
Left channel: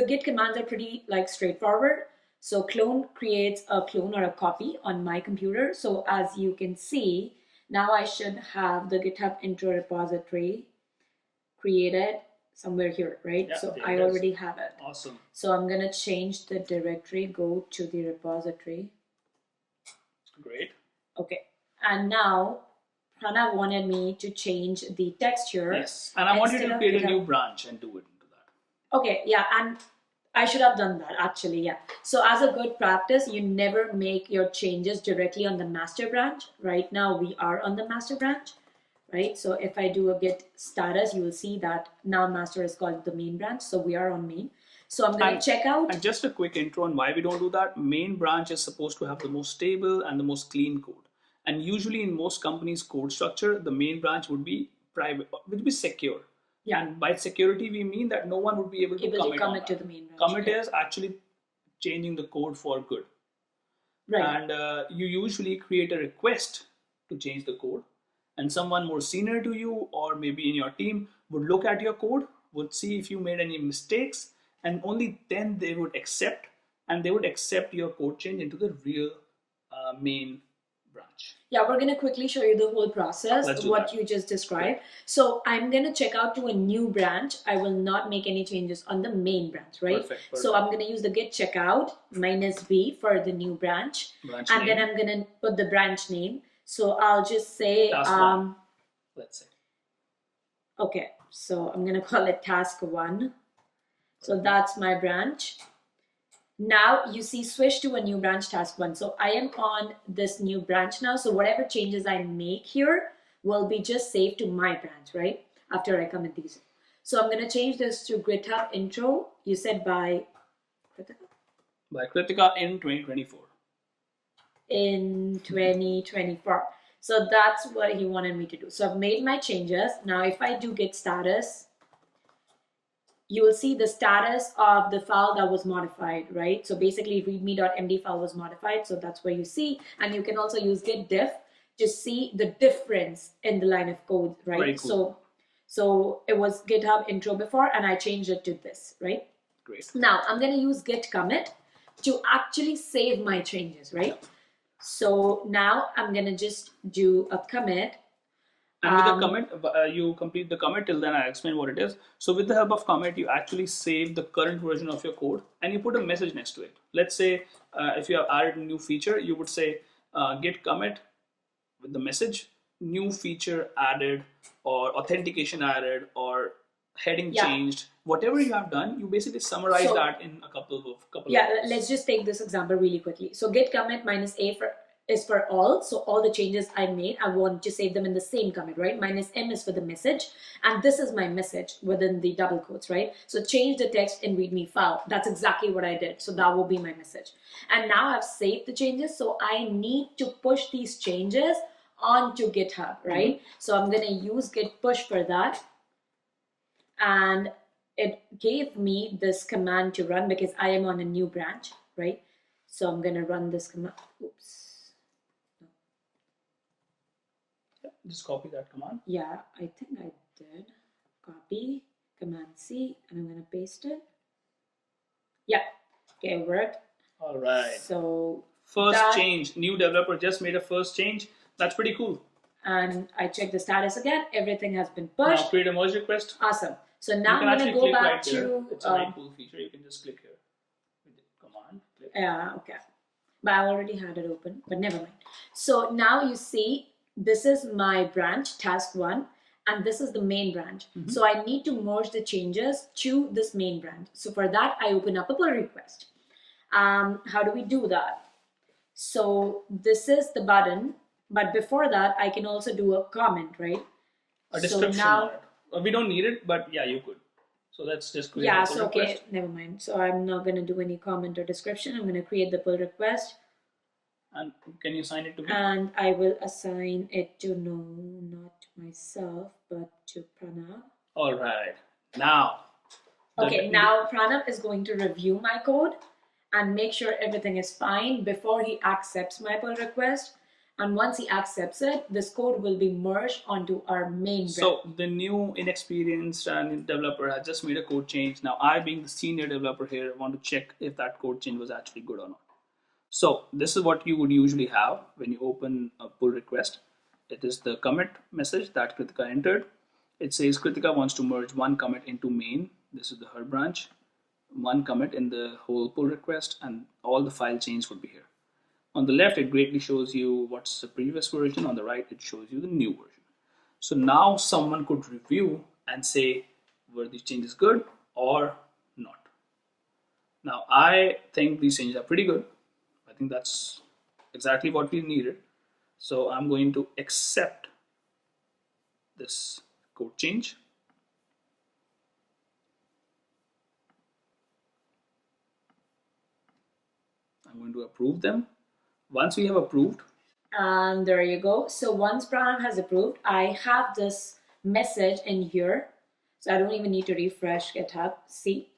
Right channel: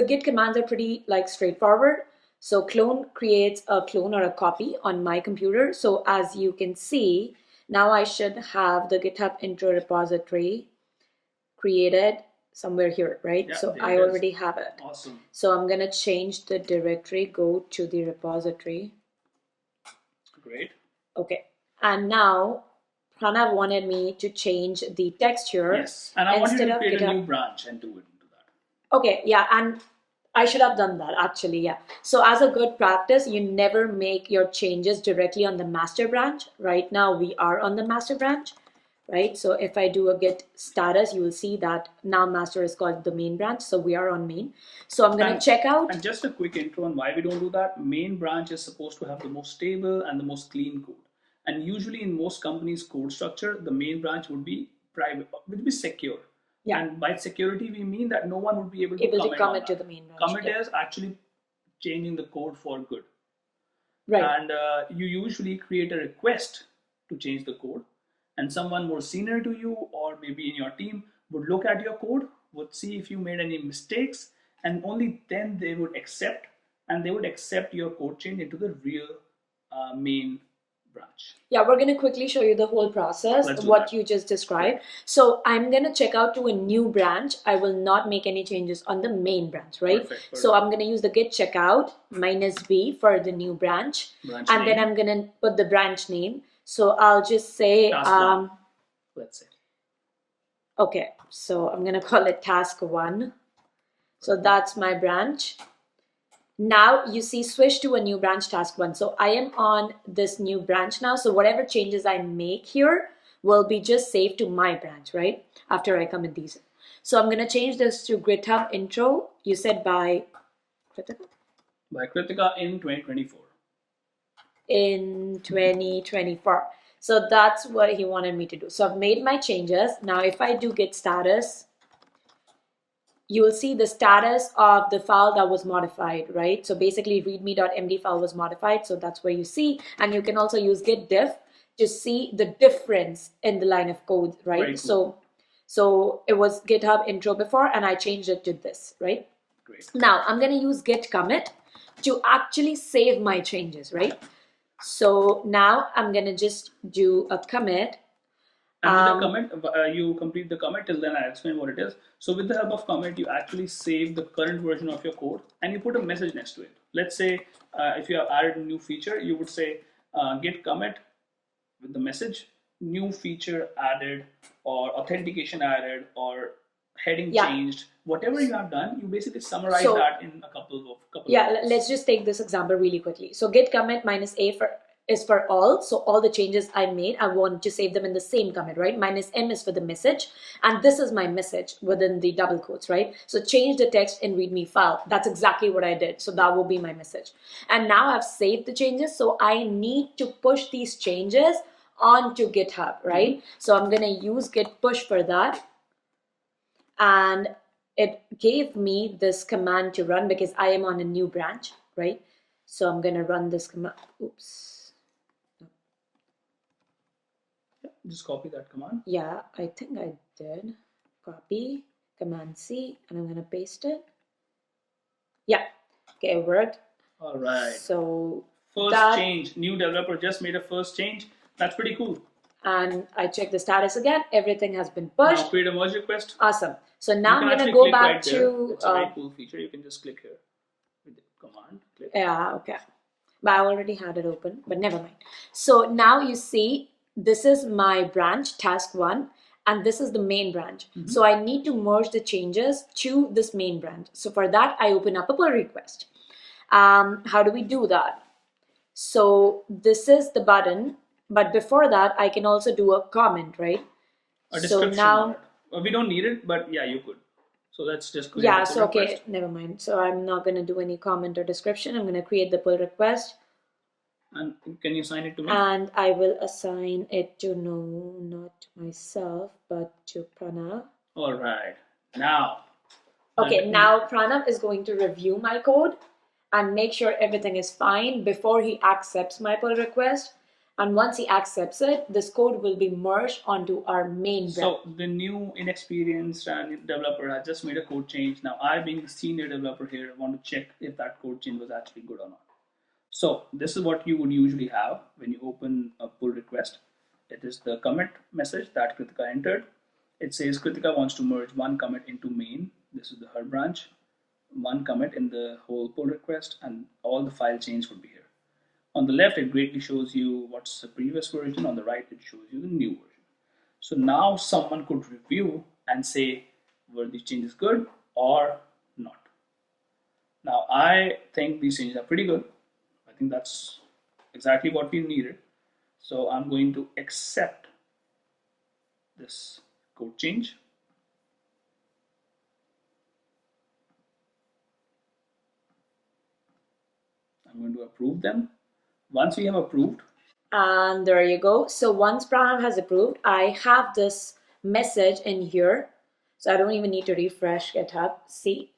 git commands are pretty straightforward. So clone creates a clone or a copy on my computer. So as you can see, now I should have the GitHub intro repository created somewhere here, right? Yeah, so I already have it. Awesome. So I'm going to change the directory, go to the repository. Great. Okay. And now Pranav wanted me to change the texture. Yes. And I want you to create a new branch and do it into that. Okay. Yeah. And I should have done that actually. Yeah. So as a good practice, you never make your changes directly on the master branch. Right now we are on the master branch, right? So if I do a git status, you will see that now master is called the main branch. So we are on main. So I'm going to check out. And just a quick intro on why we don't do that. Main branch is supposed to have the most stable and the most clean code. And usually in most companies' code structure, the main branch would be private, would be secure. Yeah. And by security, we mean that no one would be able to commit to the main branch. Commit is actually changing the code for good. Right. And you usually create a request to change the code. And someone more senior to you or maybe in your team would look at your code, would see if you made any mistakes, and only then they would accept, and they would accept your code change into the real main branch. Yeah, we're going to quickly show you the whole process of what you just described. Right. So I'm going to check out to a new branch. I will not make any changes on the main branch, right? Perfect. So I'm going to use the git checkout -v for the new branch. And then I'm going to put the branch name. So I'll just say, let's say. Okay, so I'm going to call it task 1. So that's my branch. Now you see switch to a new branch, task 1. So I am on this new branch now. So whatever changes I make here will be just saved to my branch, right? After I commit these. So I'm going to change this to GitHub intro. You said by Kritika? By Kritika in 2024. In 2024. So that's what he wanted me to do. So I've made my changes. Now if I do git status, you will see the status of the file that was modified, right? So basically readme.md file was modified. So that's where you see, and you can also use git diff to see the difference in the line of code, right? Very cool. So it was GitHub intro before and I changed it to this, right? Great. Now I'm going to use git commit to actually save my changes, right? So now I'm going to just do a commit. And with the commit, you complete the commit. Till then, I explain what it is. So with the help of commit, you actually save the current version of your code and you put a message next to it. Let's say if you have added a new feature, you would say git commit with the message, new feature added or authentication added or heading changed. Whatever you have done, you basically summarize that in a couple of words. Let's just take this example really quickly. So git commit minus a is for all. So all the changes I made, I want to save them in the same commit, right? Minus m is for the message, and this is my message within the double quotes, right? So change the text in readme file. That's exactly what I did. So that will be my message. And now I've saved the changes. So I need to push these changes onto GitHub, right? So I'm gonna use git push for that. And it gave me this command to run because I am on a new branch, right? So I'm gonna run this command. Oops. Just copy that command. Yeah, I think I did. Copy, Command C, and I'm gonna paste it. Yeah, okay, it worked. All right. So first change, new developer just made a first change. That's pretty cool. And I check the status again. Everything has been pushed. Now create a merge request. Awesome. So now I'm gonna go back right to. It's a very cool feature. You can just click here with the command. Click. Yeah. Okay. But I already had it open. But never mind. So now you see. This is my branch, task 1, and this is the main branch. So I need to merge the changes to this main branch. So for that, I open up a pull request. How do we do that? So this is the button, but before that, I can also do a comment, right? A description. So now, we don't need it, but yeah, you could. So let's just create a pull request. Never mind. So I'm not going to do any comment or description. I'm going to create the pull request. And can you assign it to me? And I will assign it to not myself, but to Pranav. All right. Now. Okay, now Pranav is going to review my code and make sure everything is fine before he accepts my pull request. And once he accepts it, this code will be merged onto our main branch. So the new inexperienced developer has just made a code change. Now I, being the senior developer here, want to check if that code change was actually good or not. So this is what you would usually have when you open a pull request. It is the commit message that Kritika entered. It says Kritika wants to merge one commit into main. This is the her branch. One commit in the whole pull request, and all the file change would be here. On the left, it greatly shows you what's the previous version. On the right, it shows you the new version. So now someone could review and say, were these changes good or not? Now I think these changes are pretty good. I think that's exactly what we needed. So I'm going to accept this code change. I'm going to approve them. Once we have approved. And there you go. So once Pranav has approved, I have this message in here. So I don't even need to refresh GitHub. See,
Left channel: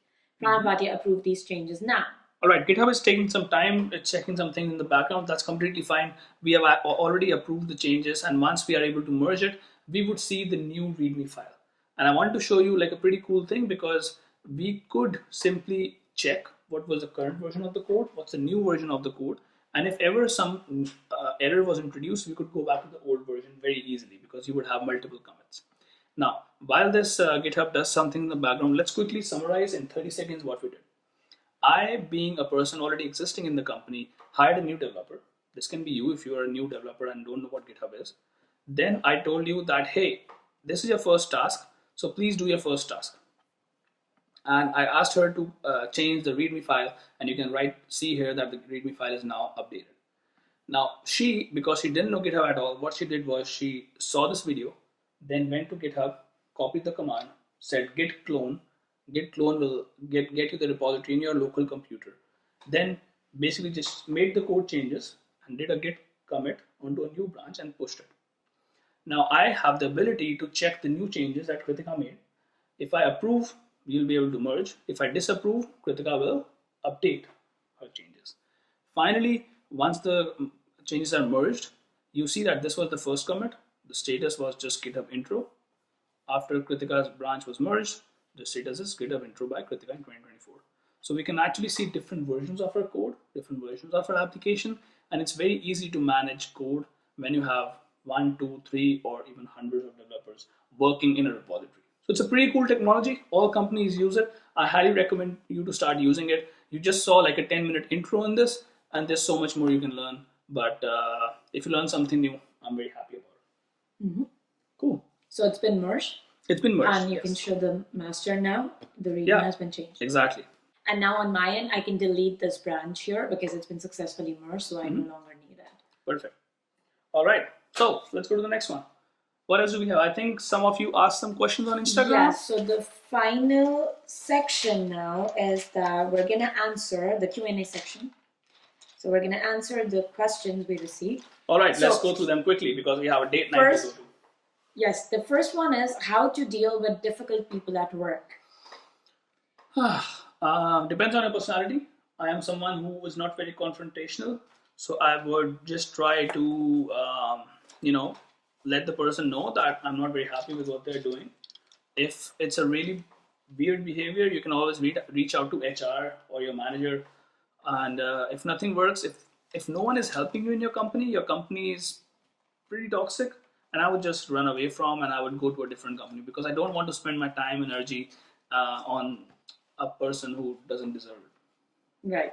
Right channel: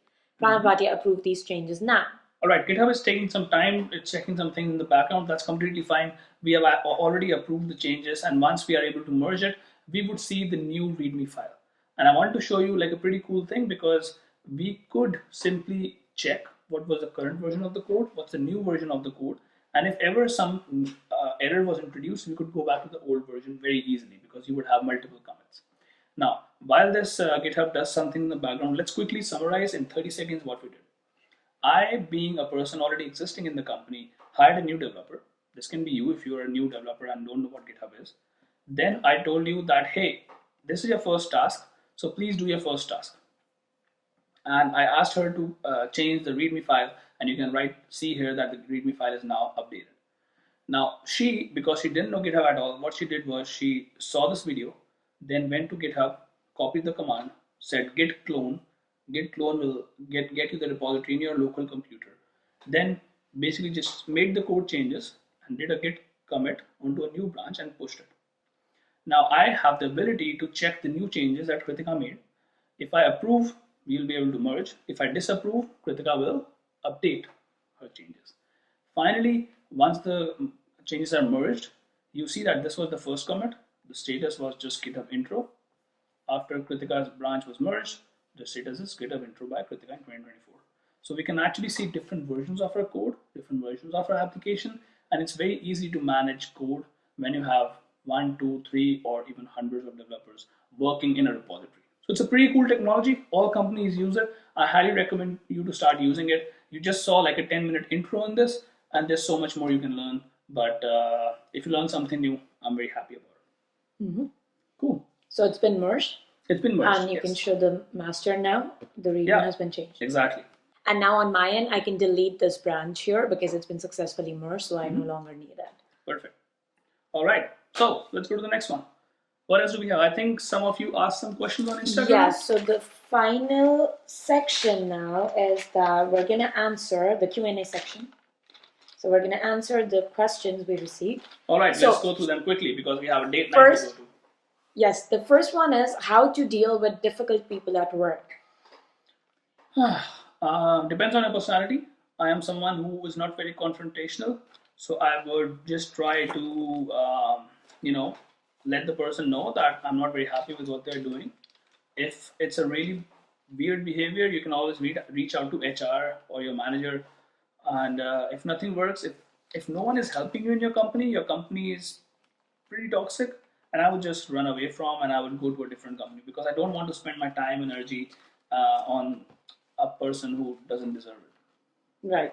Pranav Bhatia approved these changes now. All right, GitHub is taking some time. It's checking some things in the background. That's completely fine. We have already approved the changes, and once we are able to merge it, we would see the new README file. And I want to show you like a pretty cool thing, because we could simply check what was the current version of the code, what's the new version of the code, and if ever some error was introduced, we could go back to the old version very easily, because you would have multiple commits. Now, while this GitHub does something in the background, let's quickly summarize in 30 seconds what we did. I, being a person already existing in the company, hired a new developer. This can be you if you are a new developer and don't know what GitHub is. Then I told you that, hey, this is your first task, so please do your first task. And I asked her to change the README file, and you can see here that the README file is now updated. Now she, because she didn't know GitHub at all, what she did was she saw this video, then went to GitHub, copied the command, said git clone. Git clone will get you the repository in your local computer. Then basically just made the code changes and did a git commit onto a new branch and pushed it. Now I have the ability to check the new changes that Kritika made. If I approve, we'll be able to merge. If I disapprove, Kritika will update her changes. Finally, once the changes are merged, you see that this was the first commit. The status was just GitHub intro. After Kritika's branch was merged, the status is GitHub intro by Kritika in 2024. So we can actually see different versions of our code, different versions of our application, and it's very easy to manage code when you have 1, 2, 3, or even hundreds of developers working in a repository. So it's a pretty cool technology. All companies use it. I highly recommend you to start using it. You just saw like a 10-minute intro on this, and there's so much more you can learn. But if you learn something new, I'm very happy about it. Mm-hmm. Cool. So it's been merged. It's been merged. And you can show the master now. The region has been changed. Exactly. And now on my end, I can delete this branch here because it's been successfully merged, so I no longer need it. Perfect. All right. So let's go to the next one. What else do we have? I think some of you asked some questions on Instagram. Yeah, so the final section now is that we're going to answer the Q&A section. So we're going to answer the questions we received. All right, let's go through them quickly because we have a date night to go to. Yes, the first one is how to deal with difficult people at work. Depends on your personality. I am someone who is not very confrontational. So I would just try to, let the person know that I'm not very happy with what they're doing. If it's a really weird behavior, you can always reach out to HR or your manager. And if nothing works, if no one is helping you in your company is pretty toxic, and I would just run away from and I would go to a different company because I don't want to spend my time and energy on a person who doesn't deserve it. Right.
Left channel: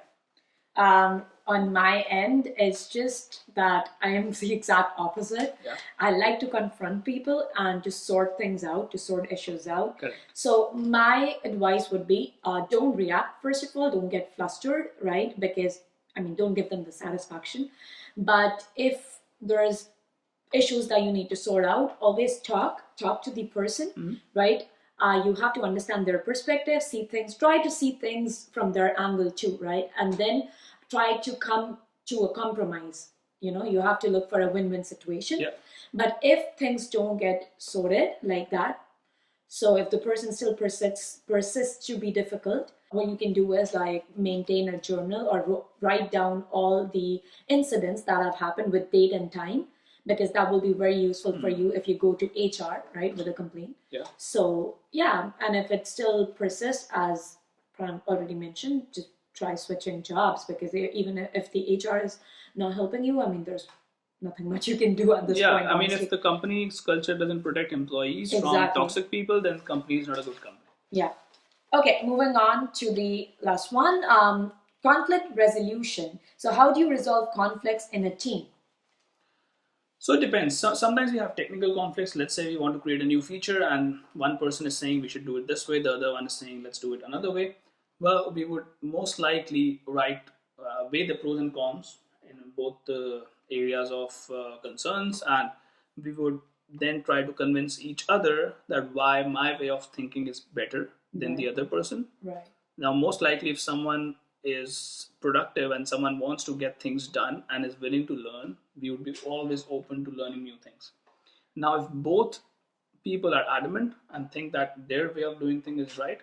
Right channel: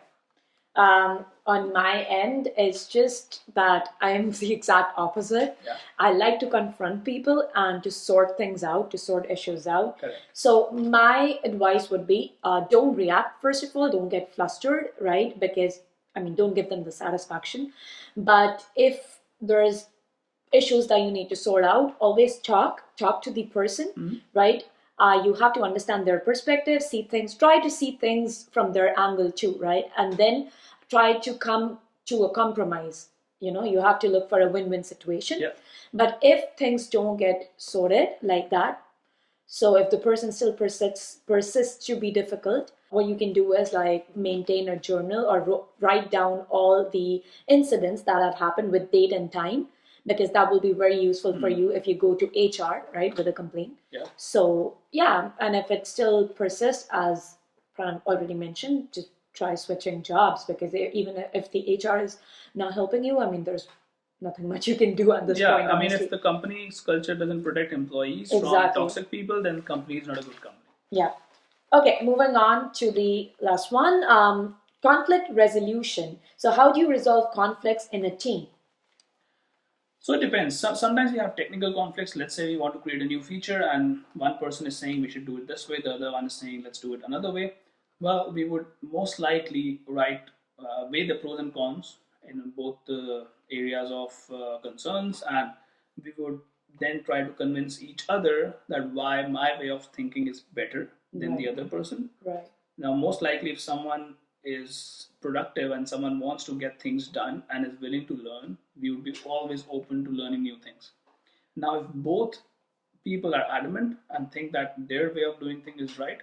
On my end, it's just that I am the exact opposite. Yeah. I like to confront people and to sort things out, to sort issues out. Correct. So my advice would be, don't react, first of all, don't get flustered, right? Because, don't give them the satisfaction. But if there's issues that you need to sort out, always talk to the person, right? You have to understand their perspective, try to see things from their angle too, right? And then try to come to a compromise. You have to look for a win-win situation. Yeah. But if things don't get sorted like that, so if the person still persists to be difficult, what you can do is like maintain a journal or write down all the incidents that have happened with date and time, because that will be very useful for you if you go to HR, right, with a complaint. Yeah. So, yeah, and if it still persists, as Pran already mentioned, just try switching jobs, because even if the HR is not helping you, there's nothing much you can do at this point. Yeah, honestly. if the company's culture doesn't protect employees from toxic people, then the company is not a good company. Yeah. Okay, moving on to the last one, conflict resolution. So how do you resolve conflicts in a team? So it depends. Sometimes we have technical conflicts. Let's say we want to create a new feature and one person is saying we should do it this way, the other one is saying let's do it another way. Well, we would most likely weigh the pros and cons in both the areas of concerns, and we would then try to convince each other that why my way of thinking is better than the other person. Right. Now, most likely if someone is productive and someone wants to get things done and is willing to learn, we would be always open to learning new things. Now, if both people are adamant and think that their way of doing things is right,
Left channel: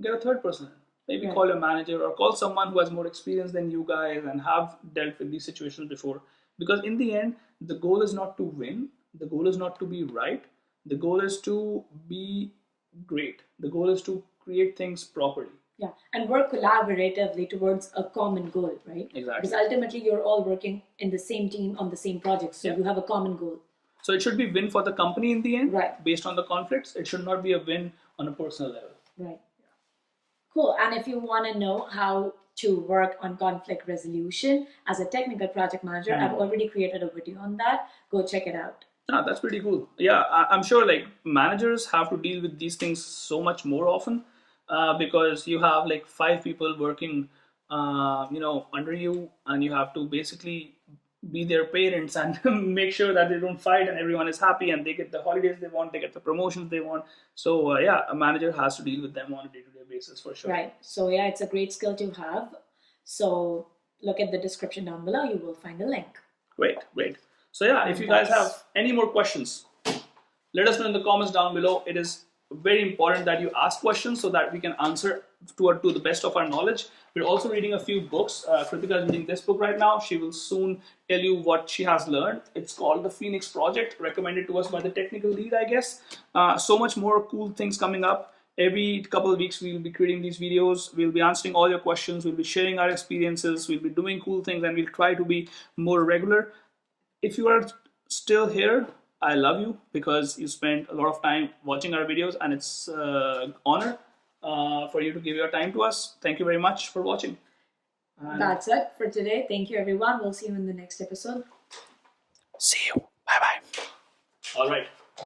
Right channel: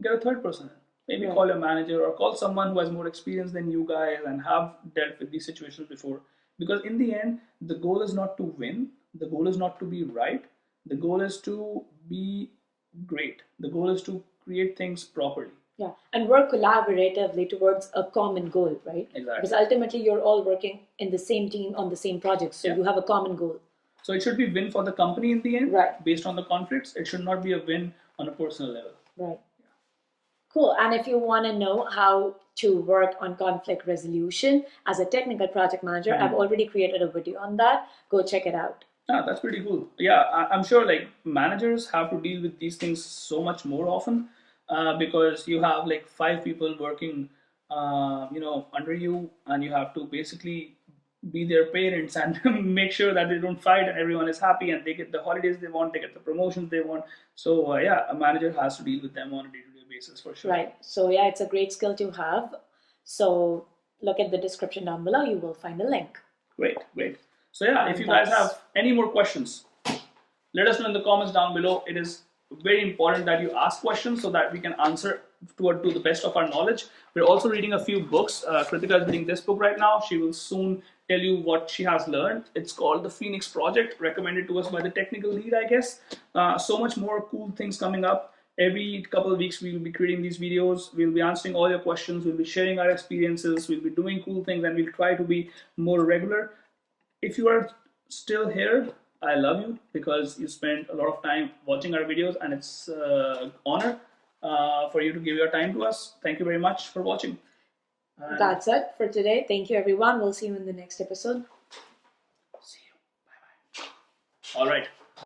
get a third person in. Maybe call your manager or call someone who has more experience than you guys and have dealt with these situations before. Because in the end, the goal is not to win. The goal is not to be right. The goal is to be great. The goal is to create things properly. Yeah, and work collaboratively towards a common goal, right? Exactly. Because ultimately you're all working in the same team on the same project, so you have a common goal. So it should be win for the company in the end, right? Based on the conflicts. It should not be a win on a personal level. Right. Cool. And if you want to know how to work on conflict resolution as a technical project manager, I've already created a video on that. Go check it out. That's pretty cool. Yeah, I'm sure managers have to deal with these things so much more often. Because you have 5 people working, under you, and you have to basically be their parents and make sure that they don't fight and everyone is happy and they get the holidays they want, they get the promotions they want. So a manager has to deal with them on a day-to-day basis for sure. Right. So yeah, it's a great skill to have. So look at the description down below. You will find a link. Great. So yeah, if you guys have any more questions, let us know in the comments down below. It is very important that you ask questions so that we can answer to the best of our knowledge. We're also reading a few books. Kritika is reading this book right now. She will soon tell you what she has learned. It's called The Phoenix Project, recommended to us by the technical lead, I guess. So much more cool things coming up. Every couple of weeks, we will be creating these videos. We'll be answering all your questions. We'll be sharing our experiences. We'll be doing cool things, and we'll try to be more regular. If you are still here, I love you because you spend a lot of time watching our videos, and it's an honor for you to give your time to us. Thank you very much for watching. And That's it for today. Thank you, everyone. We'll see you in the next episode. See you. Bye bye. all right.